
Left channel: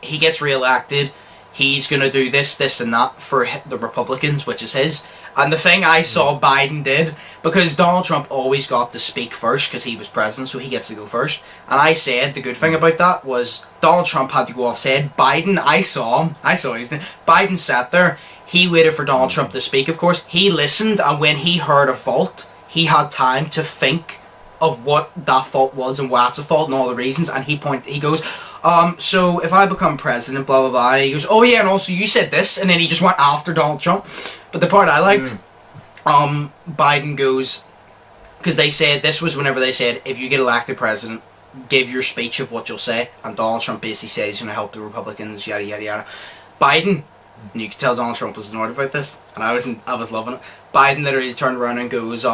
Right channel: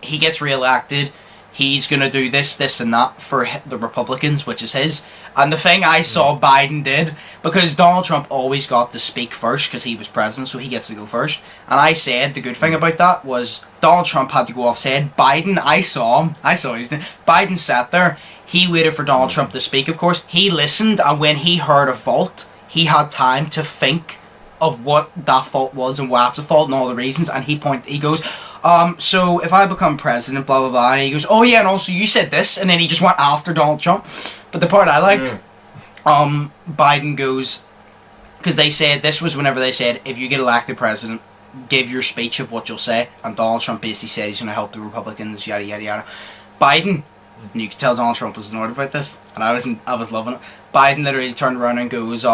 he gets re-elected, he's going to do this, this and that for the Republicans, which is his. And the thing I saw Biden did, because Donald Trump always got to speak first because he was president, so he gets to go first. And I said the good thing about that was Donald Trump had to go off said. Biden, I saw his name. Biden sat there. He waited for Donald Trump to speak, of course. He listened, and when he heard a fault, he had time to think of what that fault was and why it's a fault and all the reasons, and he goes, so if I become president, blah, blah, blah, and he goes, oh yeah, and also you said this, and then he just went after Donald Trump. But the part I liked, Biden goes, because they said, this was whenever they said, if you get elected president, give your speech of what you'll say, and Donald Trump basically said he's going to help the Republicans, yada, yada, yada. Biden, and you could tell Donald Trump was annoyed about this, and I was loving it. Biden literally turned around and goes,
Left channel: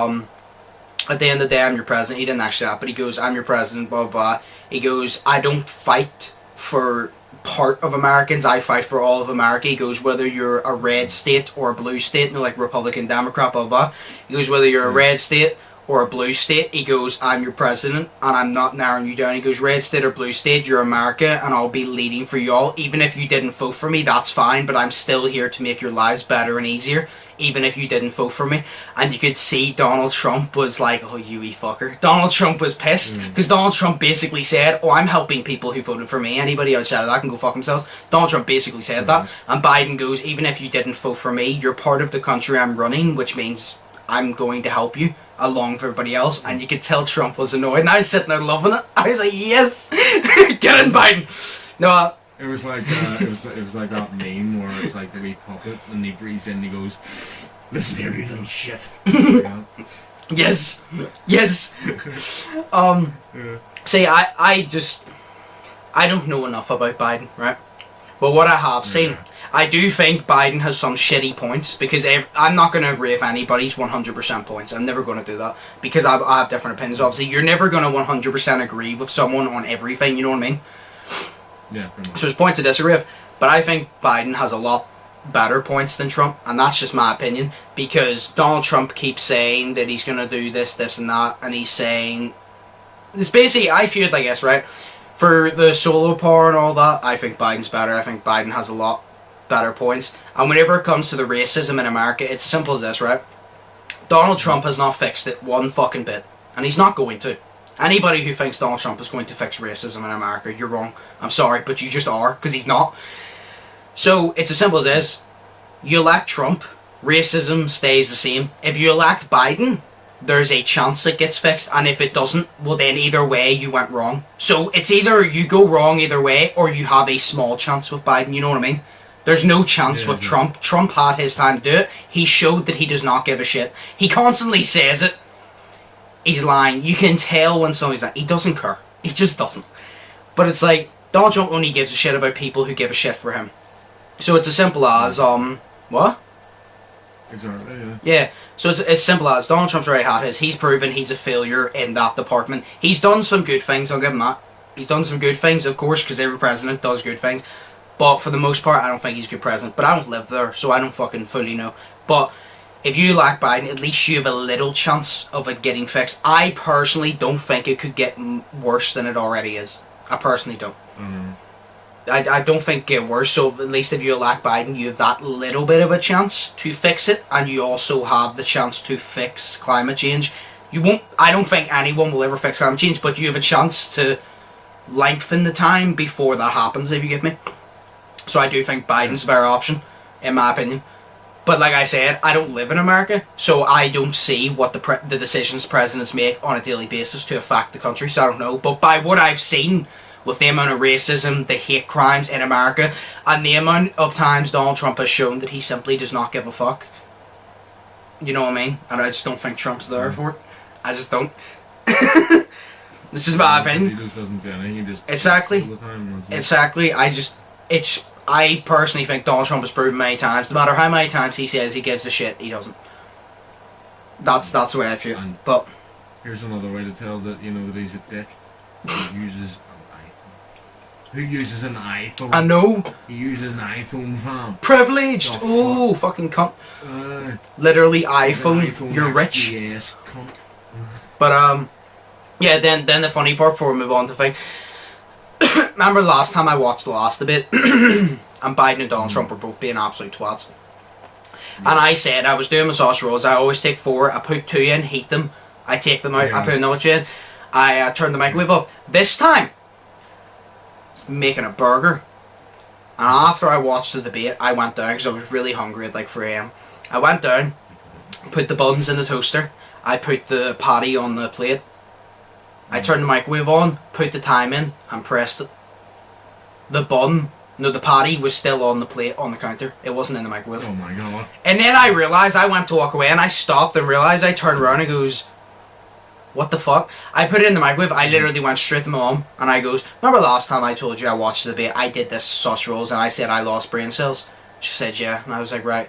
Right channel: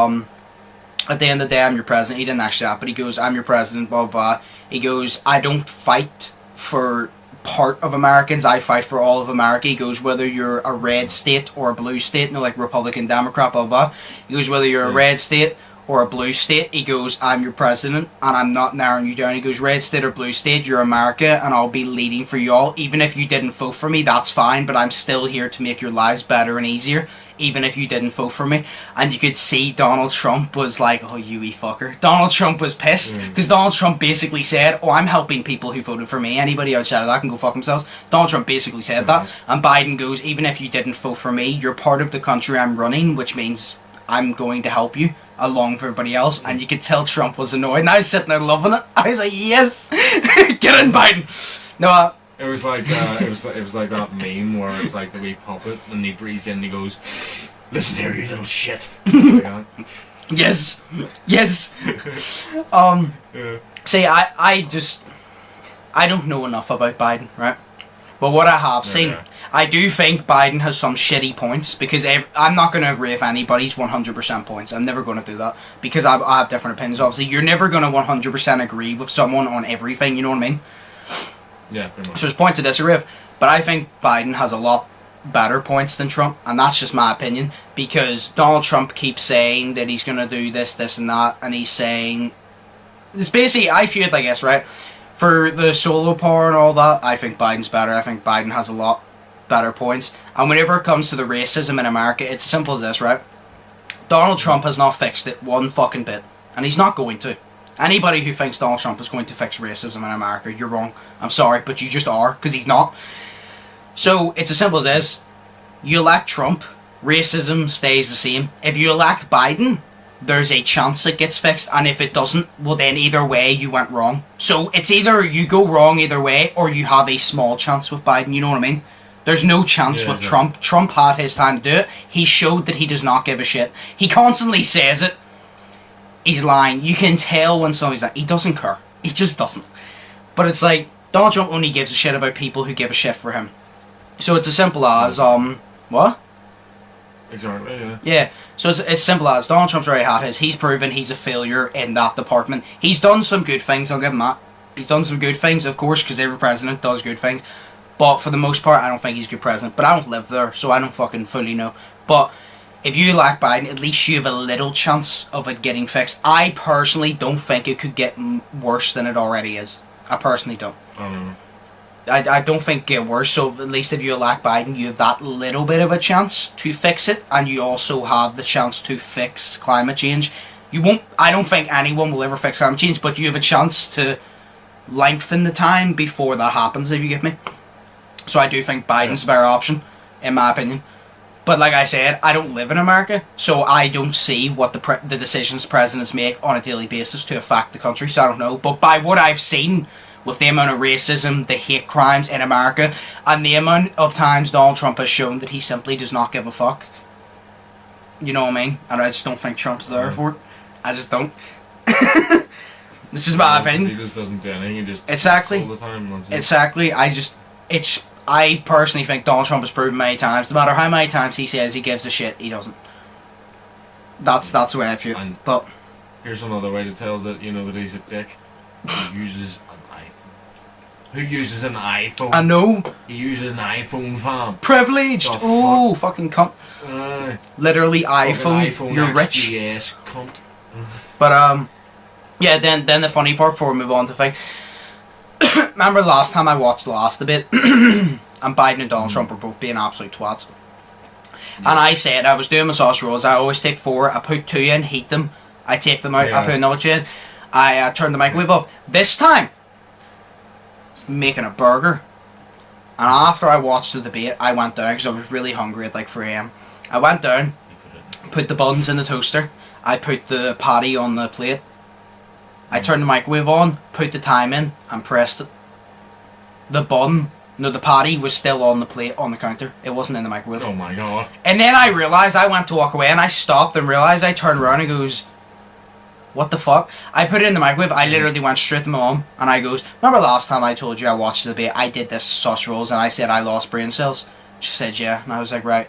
at the end of the day, I'm your president. He didn't actually that, but he goes, I'm your president, blah, blah, blah. He goes, I don't fight for part of Americans, I fight for all of America. He goes, whether you're a red state or a blue state, like Republican, Democrat, blah, blah, blah. He goes, whether you're a red state or a blue state, he goes, I'm your president, and I'm not narrowing you down. He goes, red state or blue state, you're America, and I'll be leading for y'all. Even if you didn't vote for me, that's fine, but I'm still here to make your lives better and easier, even if you didn't vote for me. And you could see Donald Trump was like, oh, you wee fucker. Donald Trump was pissed, because Donald Trump basically said, oh, I'm helping people who voted for me. Anybody outside of that can go fuck themselves. Donald Trump basically said that. And Biden goes, even if you didn't vote for me, you're part of the country I'm running, which means I'm going to help you along with everybody else. And you could tell Trump was annoyed, and I was sitting there loving it. I was like, yes, get in, Biden. No, it was like it was like that meme where it's like the wee puppet, and he breathes in, and he goes, "Listen here, you little shit." Yes. See, I don't know enough about Biden, right? But what I have seen, I do think Biden has some shitty points, because I'm not going to agree with anybody's 100% points. I'm never going to do that, because I have different opinions. Obviously, you're never going to 100% agree with someone on everything, you know what I mean? Yeah, pretty much. So there's points to disagree with, but I think Biden has a lot better points than Trump, and that's just my opinion, because Donald Trump keeps saying that he's going to do this, this, and that, and he's saying... It's basically, I feel it, I guess, right? For the solo power and all that, I think Biden's better. I think Biden has a lot better points. And whenever it comes to the racism in America, it's as simple as this, right? Donald Trump has not fixed it one fucking bit, and he's not going to. Anybody who thinks Donald Trump is going to fix racism in America, you're wrong. I'm sorry, but you just are, because he's not. So, it's as simple as this. You elect Trump, racism stays the same. If you elect Biden, there's a chance it gets fixed, and if it doesn't, well then either way you went wrong. So, it's either you go wrong either way, or you have a small chance with Biden, you know what I mean? There's no chance with Trump. Trump had his time to do it. He showed that he does not give a shit. He constantly says it. He's lying. You can tell when somebody's like, he doesn't care. He just doesn't. But it's like, Donald Trump only gives a shit about people who give a shit for him. So it's as simple as, what? Exactly, yeah. Yeah, so it's as simple as, Donald Trump's already had his. He's proven he's a failure in that department. He's done some good things, I'll give him that. He's done some good things, of course, because every president does good things. But for the most part, I don't think he's a good president. But I don't live there, so I don't fucking fully know. But if you elect Biden, at least you have a little chance of it getting fixed. I personally don't think it could get worse than it already is. I personally don't. I don't think it get worse, so at least if you elect Biden, you have that little bit of a chance to fix it, and you also have the chance to fix climate change. You won't. I don't think anyone will ever fix climate change, but you have a chance to lengthen the time before that happens, if you get me. So I do think Biden's a better option, in my opinion. But like I said, I don't live in America, so I don't see what the decisions presidents make on a daily basis to affect the country, so I don't know. But by what I've seen, with the amount of racism, the hate crimes in America, and the amount of times Donald Trump has shown that he simply does not give a fuck, you know what I mean? And I just don't think Trump's there for it. I just don't. This is my opinion. He just doesn't do anything, he just exactly. All the time. Exactly. I personally think Donald Trump has proven many times, no matter how many times he says he gives a shit, he doesn't. That's the way I feel. And but here's another way to tell that that he's a dick. He uses an iPhone. Who uses an iPhone? I know. He uses an iPhone, fam. Privileged. Oh, fucking cunt. Literally iPhone. You're rich. Yes, cunt. But yeah. Then the funny part before we move on to thing. Remember last time I watched the last debate, and Biden and Donald Trump were both being absolute twats. Yeah. And I said I was doing my sauce rolls. I always take 4. I put 2 in, heat them. I take them out. I put another 2 in. I turn the microwave off. This time, making a burger. And after I watched the debate, I went down because I was really hungry at like 3 a.m. I went down, put the buns in the toaster, I put the patty on the plate, I turned the microwave on, put the time in, and pressed it. The patty was still on the plate on the counter. It wasn't in the microwave. Oh my god. And then I realised, I went to walk away and I stopped and realised, I turned around and goes, what the fuck? I put it in the microwave, I literally went straight to my mum and I goes, remember last time I told you I watched the debate, I did this sausage rolls and I said I lost brain cells? She said yeah, and I was like, right.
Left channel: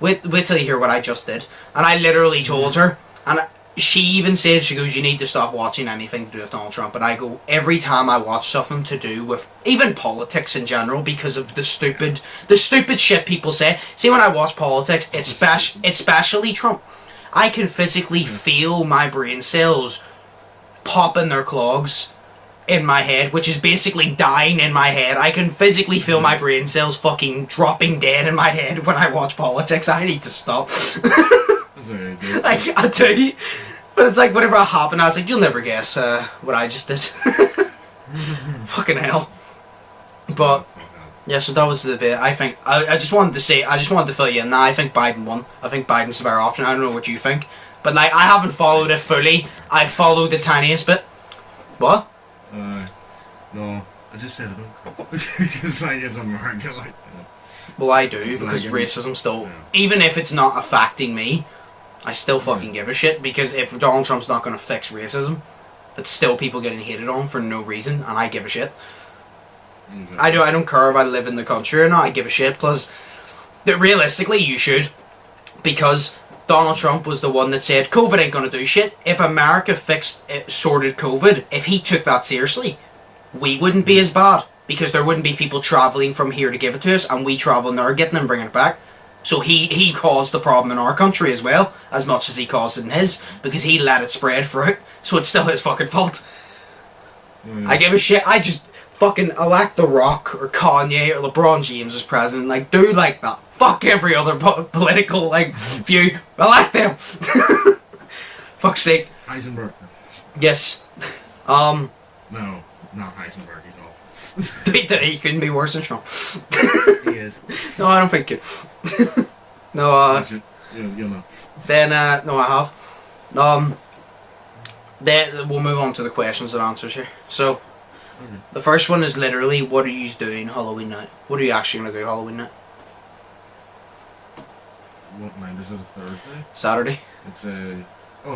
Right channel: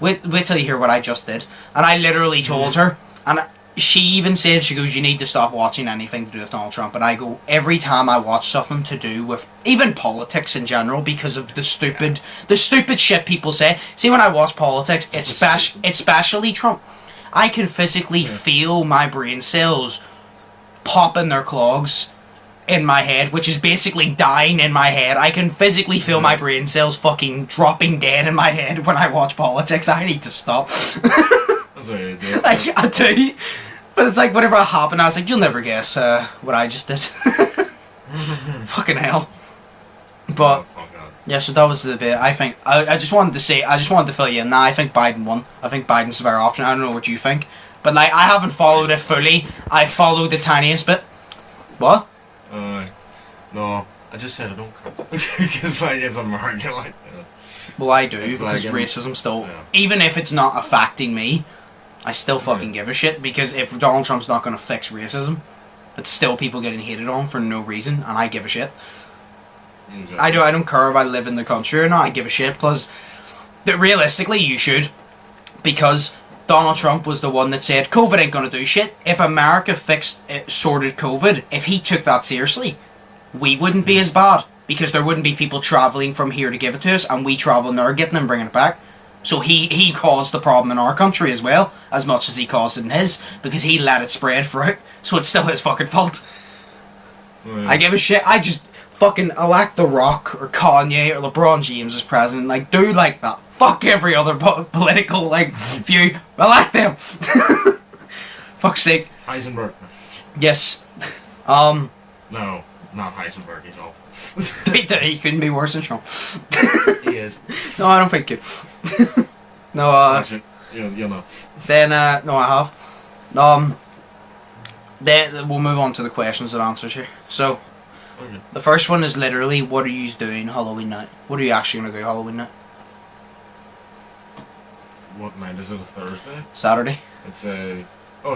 Wait till you hear what I just did. And I literally told her, and she even said, she goes, you need to stop watching anything to do with Donald Trump. And I go, every time I watch something to do with even politics in general, because of the stupid shit people say. See, when I watch politics, especially Trump, I can physically feel my brain cells popping their clogs in my head, which is basically dying in my head. I can physically feel my brain cells fucking dropping dead in my head when I watch politics. I need to stop. That's what I do. I do. But it's like, whenever it happened, I was like, you'll never guess what I just did. Fucking hell. But, yeah, so that was the bit. I think, I just wanted to fill you in. Now, I think Biden won. I think Biden's the better option. I don't know what you think. But, like, I haven't followed it fully. I followed the tiniest bit. What? No, I just said I don't care. Because, like, it's American, like, Well, I do, it's because like, racism still... yeah. Even if it's not affecting me, I still fucking give a shit, because if Donald Trump's not going to fix racism, it's still people getting hated on for no reason, and I give a shit. Exactly. I don't care if I live in the country or not, I give a shit, plus, that realistically, you should, because Donald Trump was the one that said, COVID ain't going to do shit. If America sorted COVID, if he took that seriously, we wouldn't be as bad, because there wouldn't be people travelling from here to give it to us, and we travelling there, getting it and bringing it back. So he caused the problem in our country as well, as much as he caused it in his, because he let it spread throughout, so it's still his fucking fault. Oh, yeah. I give a shit. I just fucking elect The Rock or Kanye or LeBron James as president. Like, do like that. Fuck every other political, like, view. Elect them. Fuck's sake. Heisenberg. Yes. No, not Heisenberg, he's awful. He couldn't be worse than Trump. He is. No, I don't think it. No, Watch it. You'll know. Then, no, I have. Then we'll move on to the questions and answers here. So, Okay. the first one is literally, what are you doing Halloween night? What are you actually going to do Halloween night? What night is it? A Thursday? Saturday? It's a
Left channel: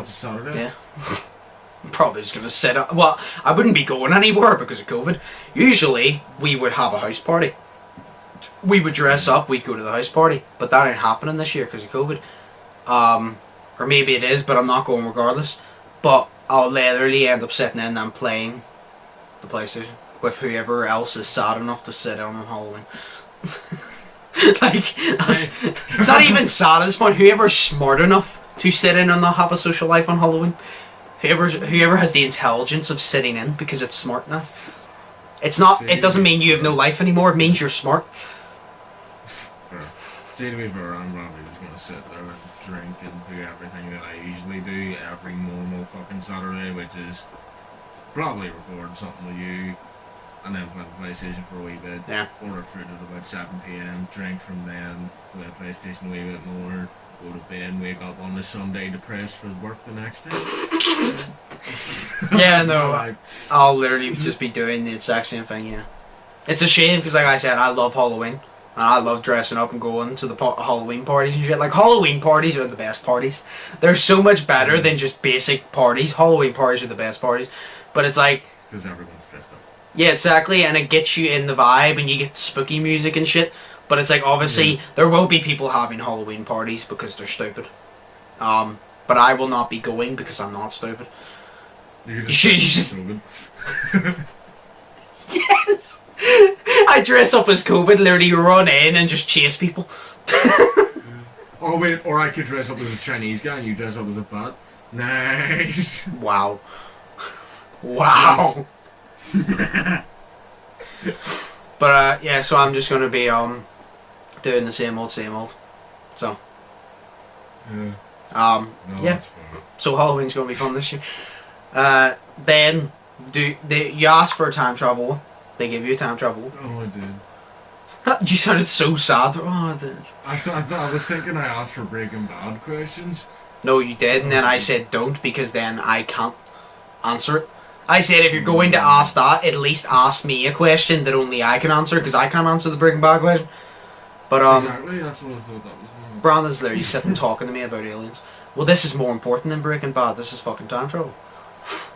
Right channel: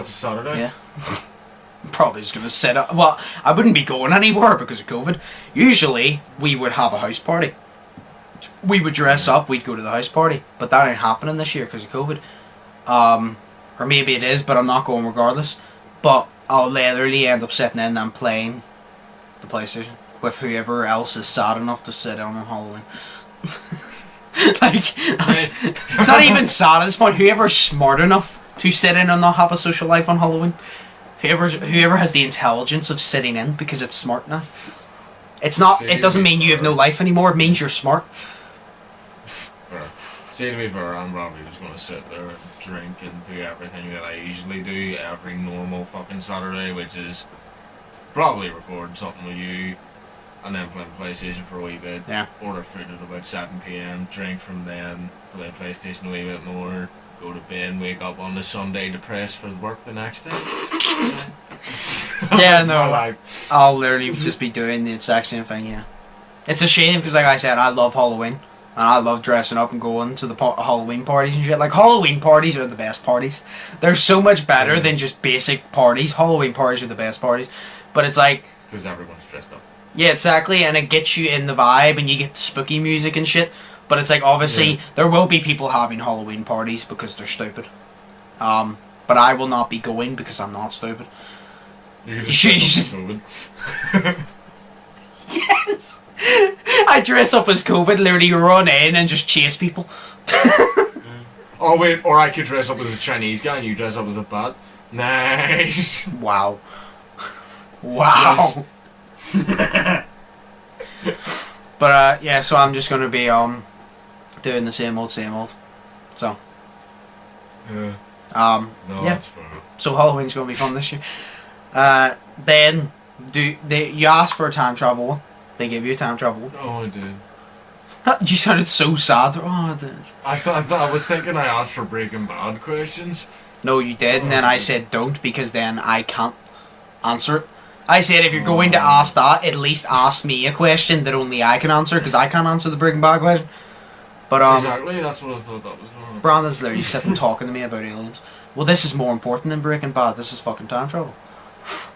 Saturday? Yeah. Probably just going to set up. Well, I wouldn't be going anywhere because of COVID. Usually, we would have a house party. We would dress up, we'd go to the house party. But that ain't happening this year because of COVID. Or maybe it is, but I'm not going regardless. But I'll literally end up sitting in and playing the PlayStation with whoever else is sad enough to sit on Halloween. Like, it's not even sad at this point. Whoever's smart enough to sit in and not have a social life on Halloween. Whoever has the intelligence of sitting in because it's smart now. It's not. It doesn't mean you have no life anymore. It means you're smart. Fair. See, to be fair, I'm probably just going to sit there and drink and do everything that I usually do every normal fucking Saturday, which is probably record something with you, and then play the PlayStation for a wee bit. Yeah. Order food at about 7 PM, drink from then, play PlayStation a wee bit more, go to bed, wake up on the Sunday depressed for work the next day. Yeah, That's my no. life. I'll literally just be doing the exact same thing. Yeah. It's a shame because, like I said, I love Halloween. And I love dressing up and going to the Halloween parties and shit. Like, Halloween parties are the best parties. They're so much better than just basic parties. Halloween parties are the best parties. But it's like... Because everyone's dressed up. Yeah, exactly. And it gets you in the vibe and you get the spooky music and shit. But it's like, obviously, there will be people having Halloween parties because they're stupid. But I will not be going because I'm not stupid. You could just COVID. Yes! I dress up as COVID, literally run in and just chase people. Oh wait, or I could dress up as a Chinese guy and you dress up as a bat. Nice. Wow. Wow. But yeah, so I'm just gonna be doing the same old. So No, yeah. that's fair. So Halloween's gonna be fun this year. Then you asked for a time travel. They give you a time travel. Oh, I did. You sounded so sad. Oh, I was thinking I asked for Breaking Bad questions. No, you did, and then I said don't, because then I can't answer it. I said if you're going to ask that, at least ask me a question that only I can answer, because I can't answer the Breaking Bad question. But exactly, that's what I thought that was going on. Brandon's literally sitting talking to me about aliens. Well, this is more important than Breaking Bad. This is fucking time travel.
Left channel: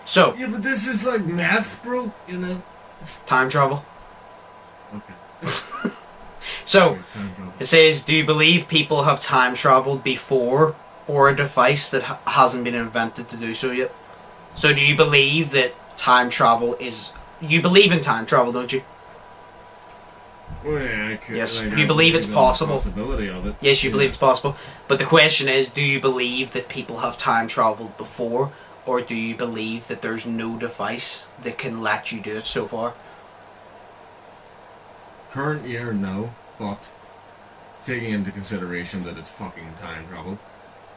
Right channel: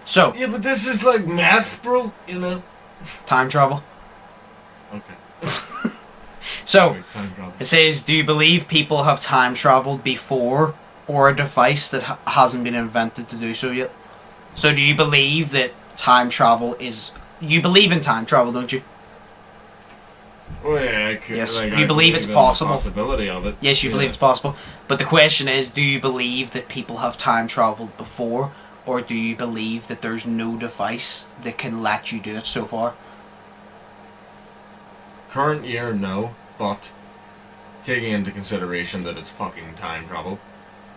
So yeah, but this is like math, bro. You know. Time travel. Okay. So Time travel. it says, do you believe people have time traveled before, or a device that hasn't been invented to do so yet? So do you believe that time travel is... You believe in time travel, don't you? Oh yeah, I could, Yes, like, you I believe it's in possible. The possibility of it. Yes, you believe it's possible. But the question is, do you believe that people have time traveled before, or do you believe that there's no device that can let you do it so far? Current year, no, but taking into consideration that it's fucking time travel,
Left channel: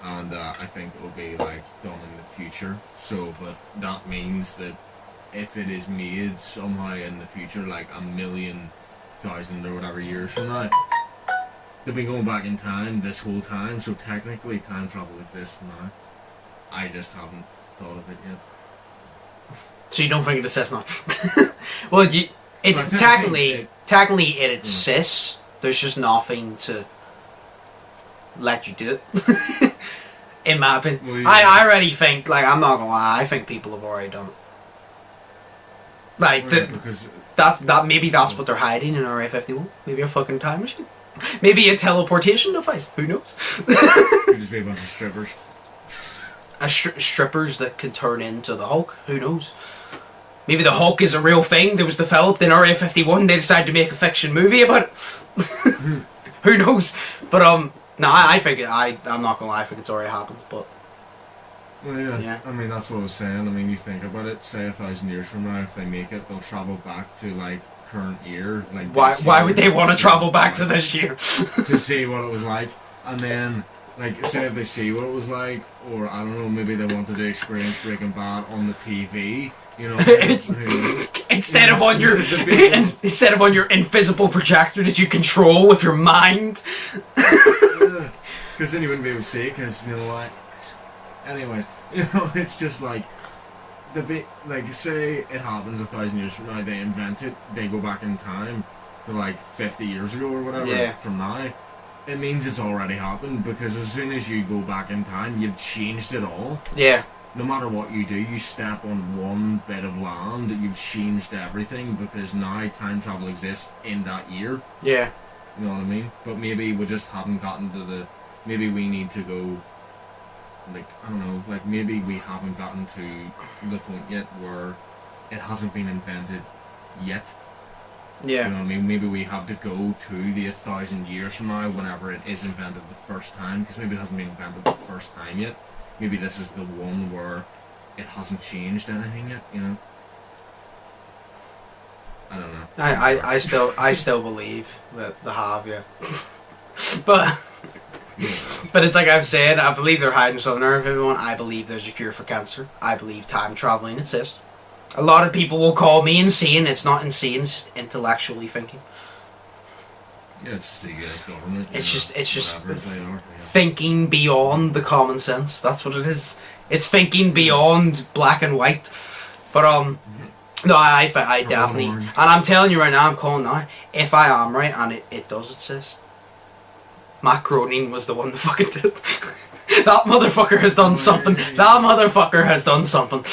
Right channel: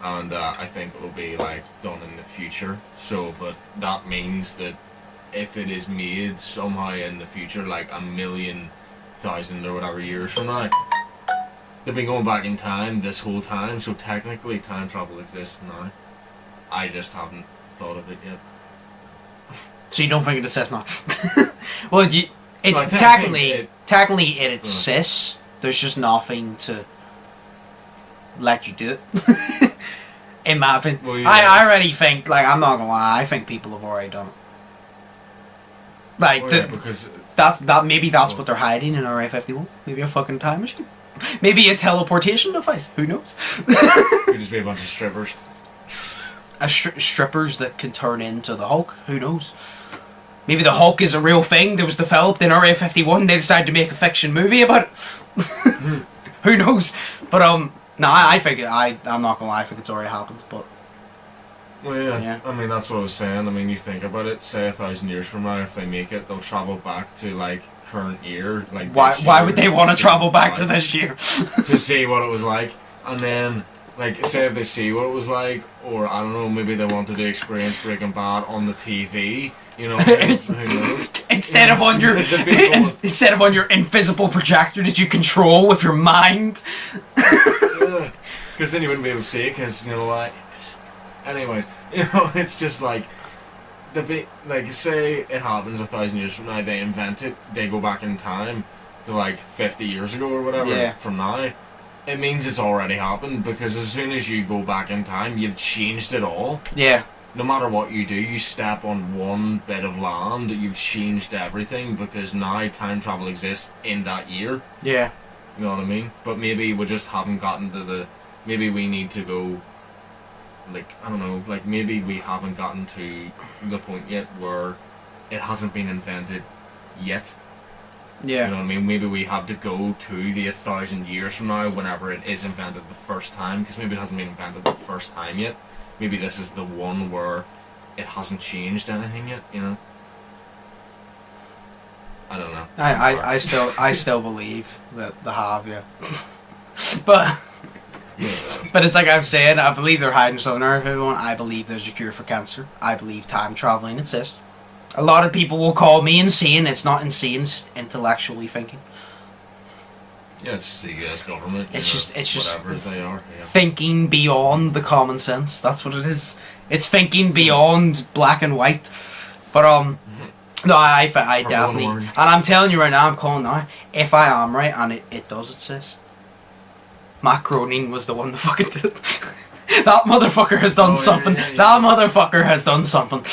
and I think it will be like done in the future. So, but that means that if it is made somehow in the future, like 1,000,000 or whatever years from now, they've been going back in time this whole time. So technically, time travel exists now. I just haven't thought of it yet. So you don't think it exists now? Well, I technically it exists. There's just nothing to let you do it. In my opinion, Well, yeah. I already think, like, I'm not gonna lie, I think people have already done it. Like, Because maybe that's what they're hiding in Area 51. Maybe a fucking time machine. Maybe a teleportation device. Who knows? could just be a bunch of strippers. Strippers that can turn into the Hulk. Who knows? Maybe the Hulk is a real thing that was developed in Area 51. They decided to make a fiction movie about it. Who knows? But no, I think I'm not gonna lie. I think it's already happened. But Well, yeah. Yeah. I mean, that's what I was saying. I mean, you think about it. Say 1,000 years from now, if they make it, they'll travel back to like current year. Like why would they want to see travel what it back was to like, this year? to see what it was like, and then like say if they see what it was like, or I don't know, maybe they wanted to experience Breaking Bad on the TV. You know, who knows? Instead of on your The people- instead of on your invisible projector that you control with your mind. Because then you wouldn't be able to see it, because, you know what, invisible. Anyways, you know, it's just like, like, say it happens 1,000 years from now, they invent it, they go back in time to like 50 years ago or whatever from now, it means it's already happened, because as soon as you go back in time, you've changed it all. Yeah. No matter what you do, you step on one bit of land, you've changed everything, because now time travel exists in that year. Yeah. You know what I mean? But maybe we just haven't gotten to the... Maybe we need to go... Like, I don't know, like maybe we haven't gotten to the point yet where it hasn't been invented yet. Yeah. You know what I mean? Maybe we have to go to the 1,000 years from now whenever it is invented the first time, because maybe it hasn't been invented the first time yet. Maybe this is the one where it hasn't changed anything yet, you know? I don't know. I still believe that they have, yeah. But it's like I've said, I believe they're hiding something there for everyone. I believe there's a cure for cancer. I believe time traveling exists. A lot of people will call me insane. It's not insane, it's just intellectually thinking. Yeah, it's just the US government. It's just whatever they are. Yeah. Thinking beyond the common sense. That's what it is. It's thinking beyond black and white. But no, I definitely, and I'm telling you right now, I'm calling now. If I am right, and it does exist, Matt Groening was the one that fucking did it. That motherfucker has done something. Yeah. That motherfucker has done something.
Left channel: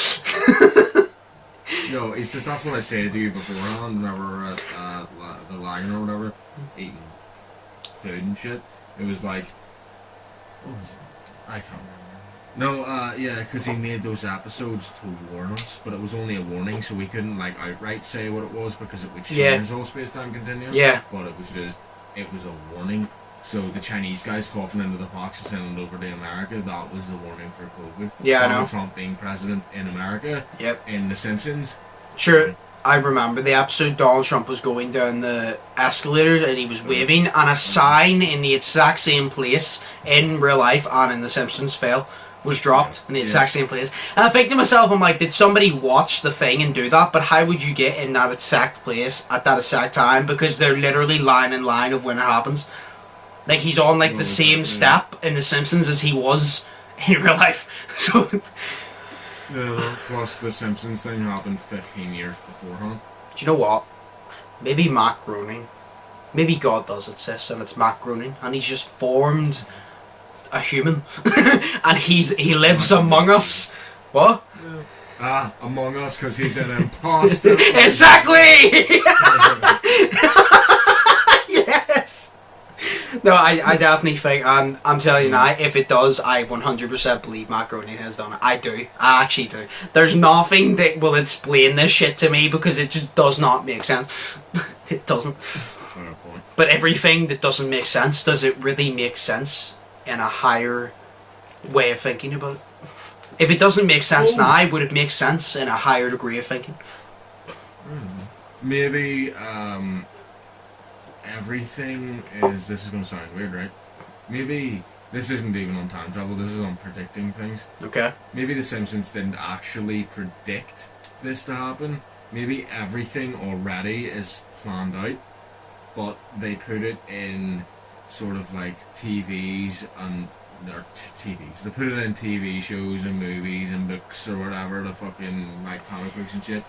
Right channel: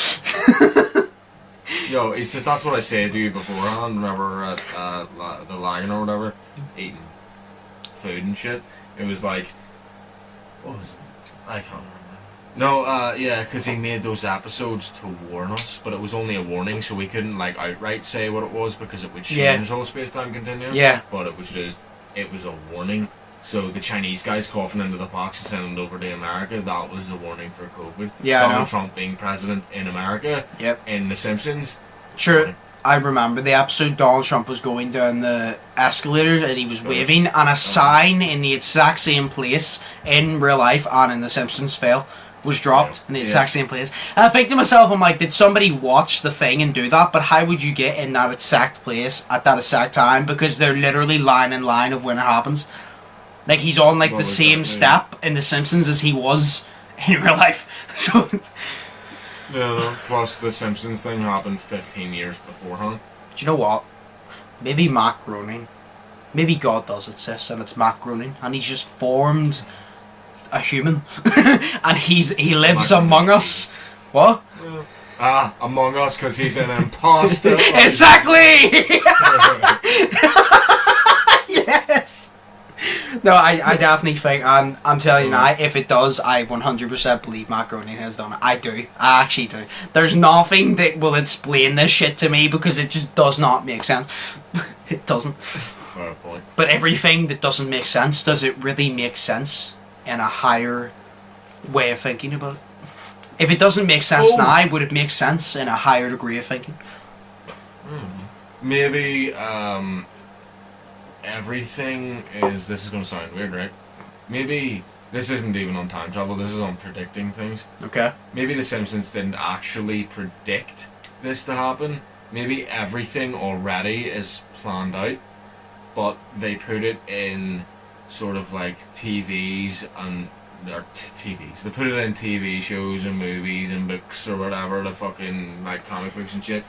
Yo, it's just, that's what I said to you beforehand, whenever we were at the Lagan or whatever, eating food and shit. It was like, what was it? I can't remember. No, yeah, because he made those episodes to warn us, but it was only a warning, so we couldn't, like, outright say what it was, because it would change the whole space-time continuum. Yeah. But it was a warning. So the Chinese guys coughing into the box and sending it over to America, that was the warning for COVID. Yeah, Donald Trump being president in America. Yep. In The Simpsons. Sure, I remember the episode. Donald Trump was going down the escalators and he was waving, and a sign in the exact same place in real life and in The Simpsons fell. was dropped in the exact same place. And I think to myself, I'm like, did somebody watch the thing and do that? But how would you get in that exact place at that exact time? Because they're literally line in line of when it happens. Like, he's on, like, the same step in The Simpsons as he was in real life. So... Yeah, plus the Simpsons thing happened 15 years beforehand. Do you know what? Maybe Matt Groening. Maybe God does it, sis, and it's Matt Groening, and he's just formed a human, and he lives among us. What? Yeah. Among us, because he's an imposter. Exactly! Yes! No, I definitely think, and I'm telling you now, if it does, I 100% believe Matt Groening has done it. I do. I actually do. There's nothing that will explain this shit to me, because it just does not make sense. It doesn't. Fair point. But everything that doesn't make sense, does it really make sense in a higher way of thinking about it? If it doesn't make sense now, would it make sense in a higher degree of thinking? Maybe everything is... This is going to sound weird, right? Maybe this isn't even on time travel, this is on predicting things. Okay. Maybe The Simpsons didn't actually predict this to happen. Maybe everything already is planned out, but they put it in sort of like TVs and... Or TVs. They put it in TV shows and movies and books or whatever, the fucking like comic books and shit,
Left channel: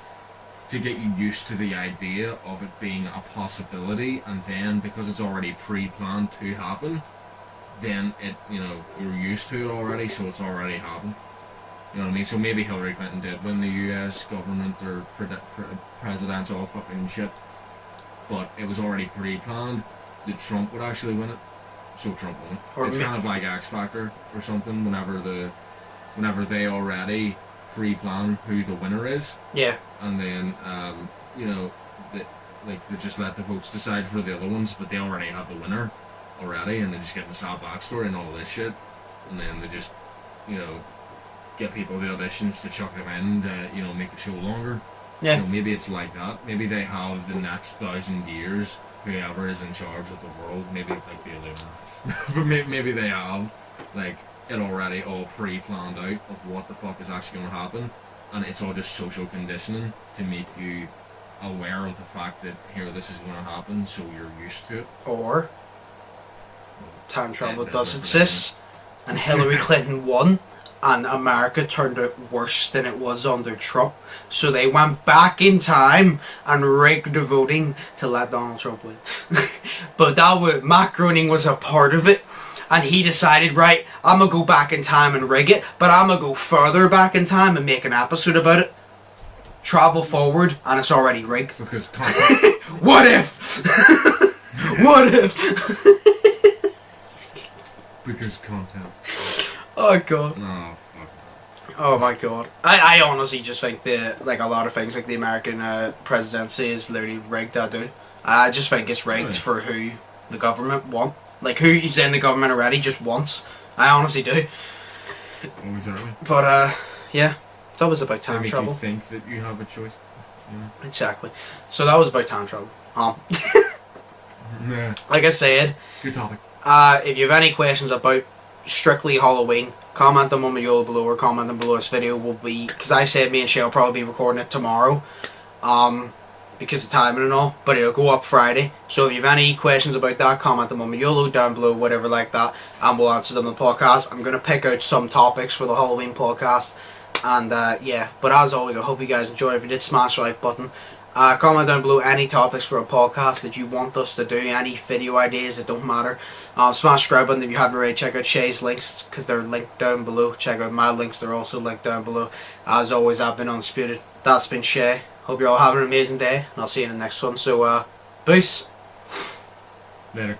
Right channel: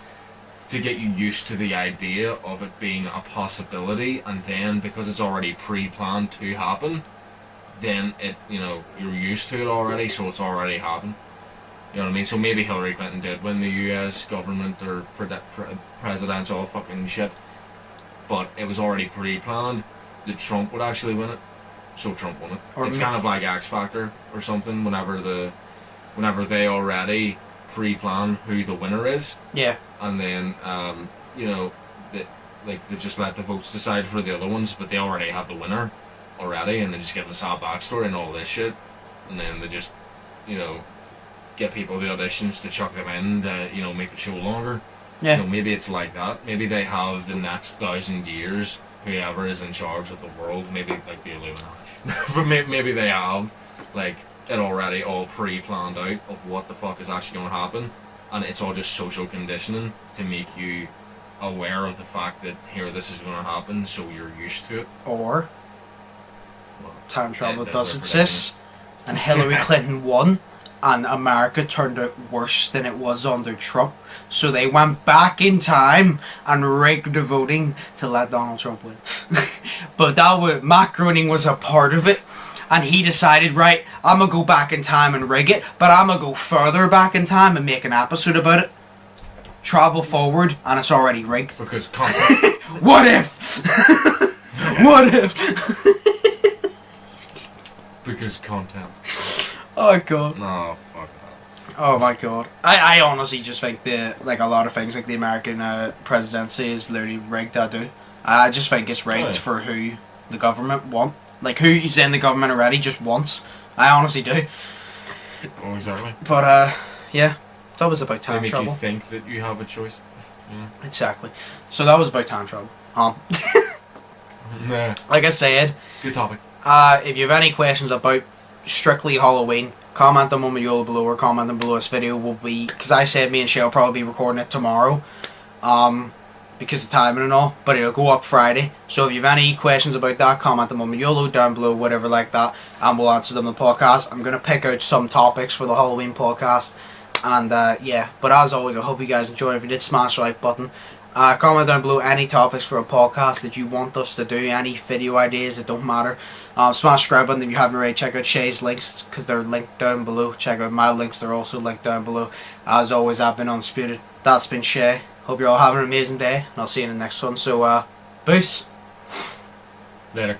to get you used to the idea of it being a possibility, and then because it's already pre-planned to happen, then it, you know, you're used to it already, so it's already happened. You know what I mean? So maybe Hillary Clinton did win the US government or presidential fucking shit, but it was already pre-planned that Trump would actually win it. So Trump won it. It's kind of like X Factor or something. Whenever they already pre-plan who the winner is, yeah, and then you know, they just let the votes decide for the other ones, but they already have the winner already, and they just give the sad backstory and all this shit, and then they just, you know, get people the auditions to chuck them in to, you know, make the show longer. Yeah. You know, maybe it's like that. Maybe they have the next 1,000 years. Whoever is in charge of the world, maybe like the Illuminati. But maybe they have like it already all pre-planned out of what the fuck is actually going to happen, and it's all just social conditioning to make you aware of the fact that here this is going to happen, so you're used to it. Or time travel does exist, and Hillary Clinton won, and America turned out worse than it was under Trump. So they went back in time and rigged the voting to let Donald Trump win. But Matt Groening was a part of it, and he decided, right, I'm going to go back in time and rig it, but I'm going to go further back in time and make an episode about it. Travel forward, and it's already rigged. Because content. What if? What if? Because content. Oh, God. No, fuck. Oh my god. I honestly just think a lot of things like the American presidency is literally rigged. I just think it's rigged for who the government want. Like who's in the government already just wants. I honestly do. Oh, exactly. But yeah. That was about time travel. You think that you have a choice. Yeah. Exactly. So that was about time travel. Nah. Like I said. Good topic. If you have any questions about strictly Halloween, comment them on the YOLO below, or comment them below this video. Will be, because I said me and Shay will probably be recording it tomorrow, because of timing and all, but it'll go up Friday. So if you have any questions about that, comment them on the YOLO down below, whatever like that, and we'll answer them in the podcast. I'm going to pick out some topics for the Halloween podcast, and yeah, but as always, I hope you guys enjoyed. If you did, smash the like button. Comment down below any topics for a podcast that you want us to do, any video ideas, it don't matter. Smash the subscribe button if you haven't already. Check out Shay's links, because they're linked down below. Check out my links, they're also linked down below. As always, I've been Undisputed. That's been Shay. Hope you're all having an amazing day, and I'll see you in the next one. So, peace. Later.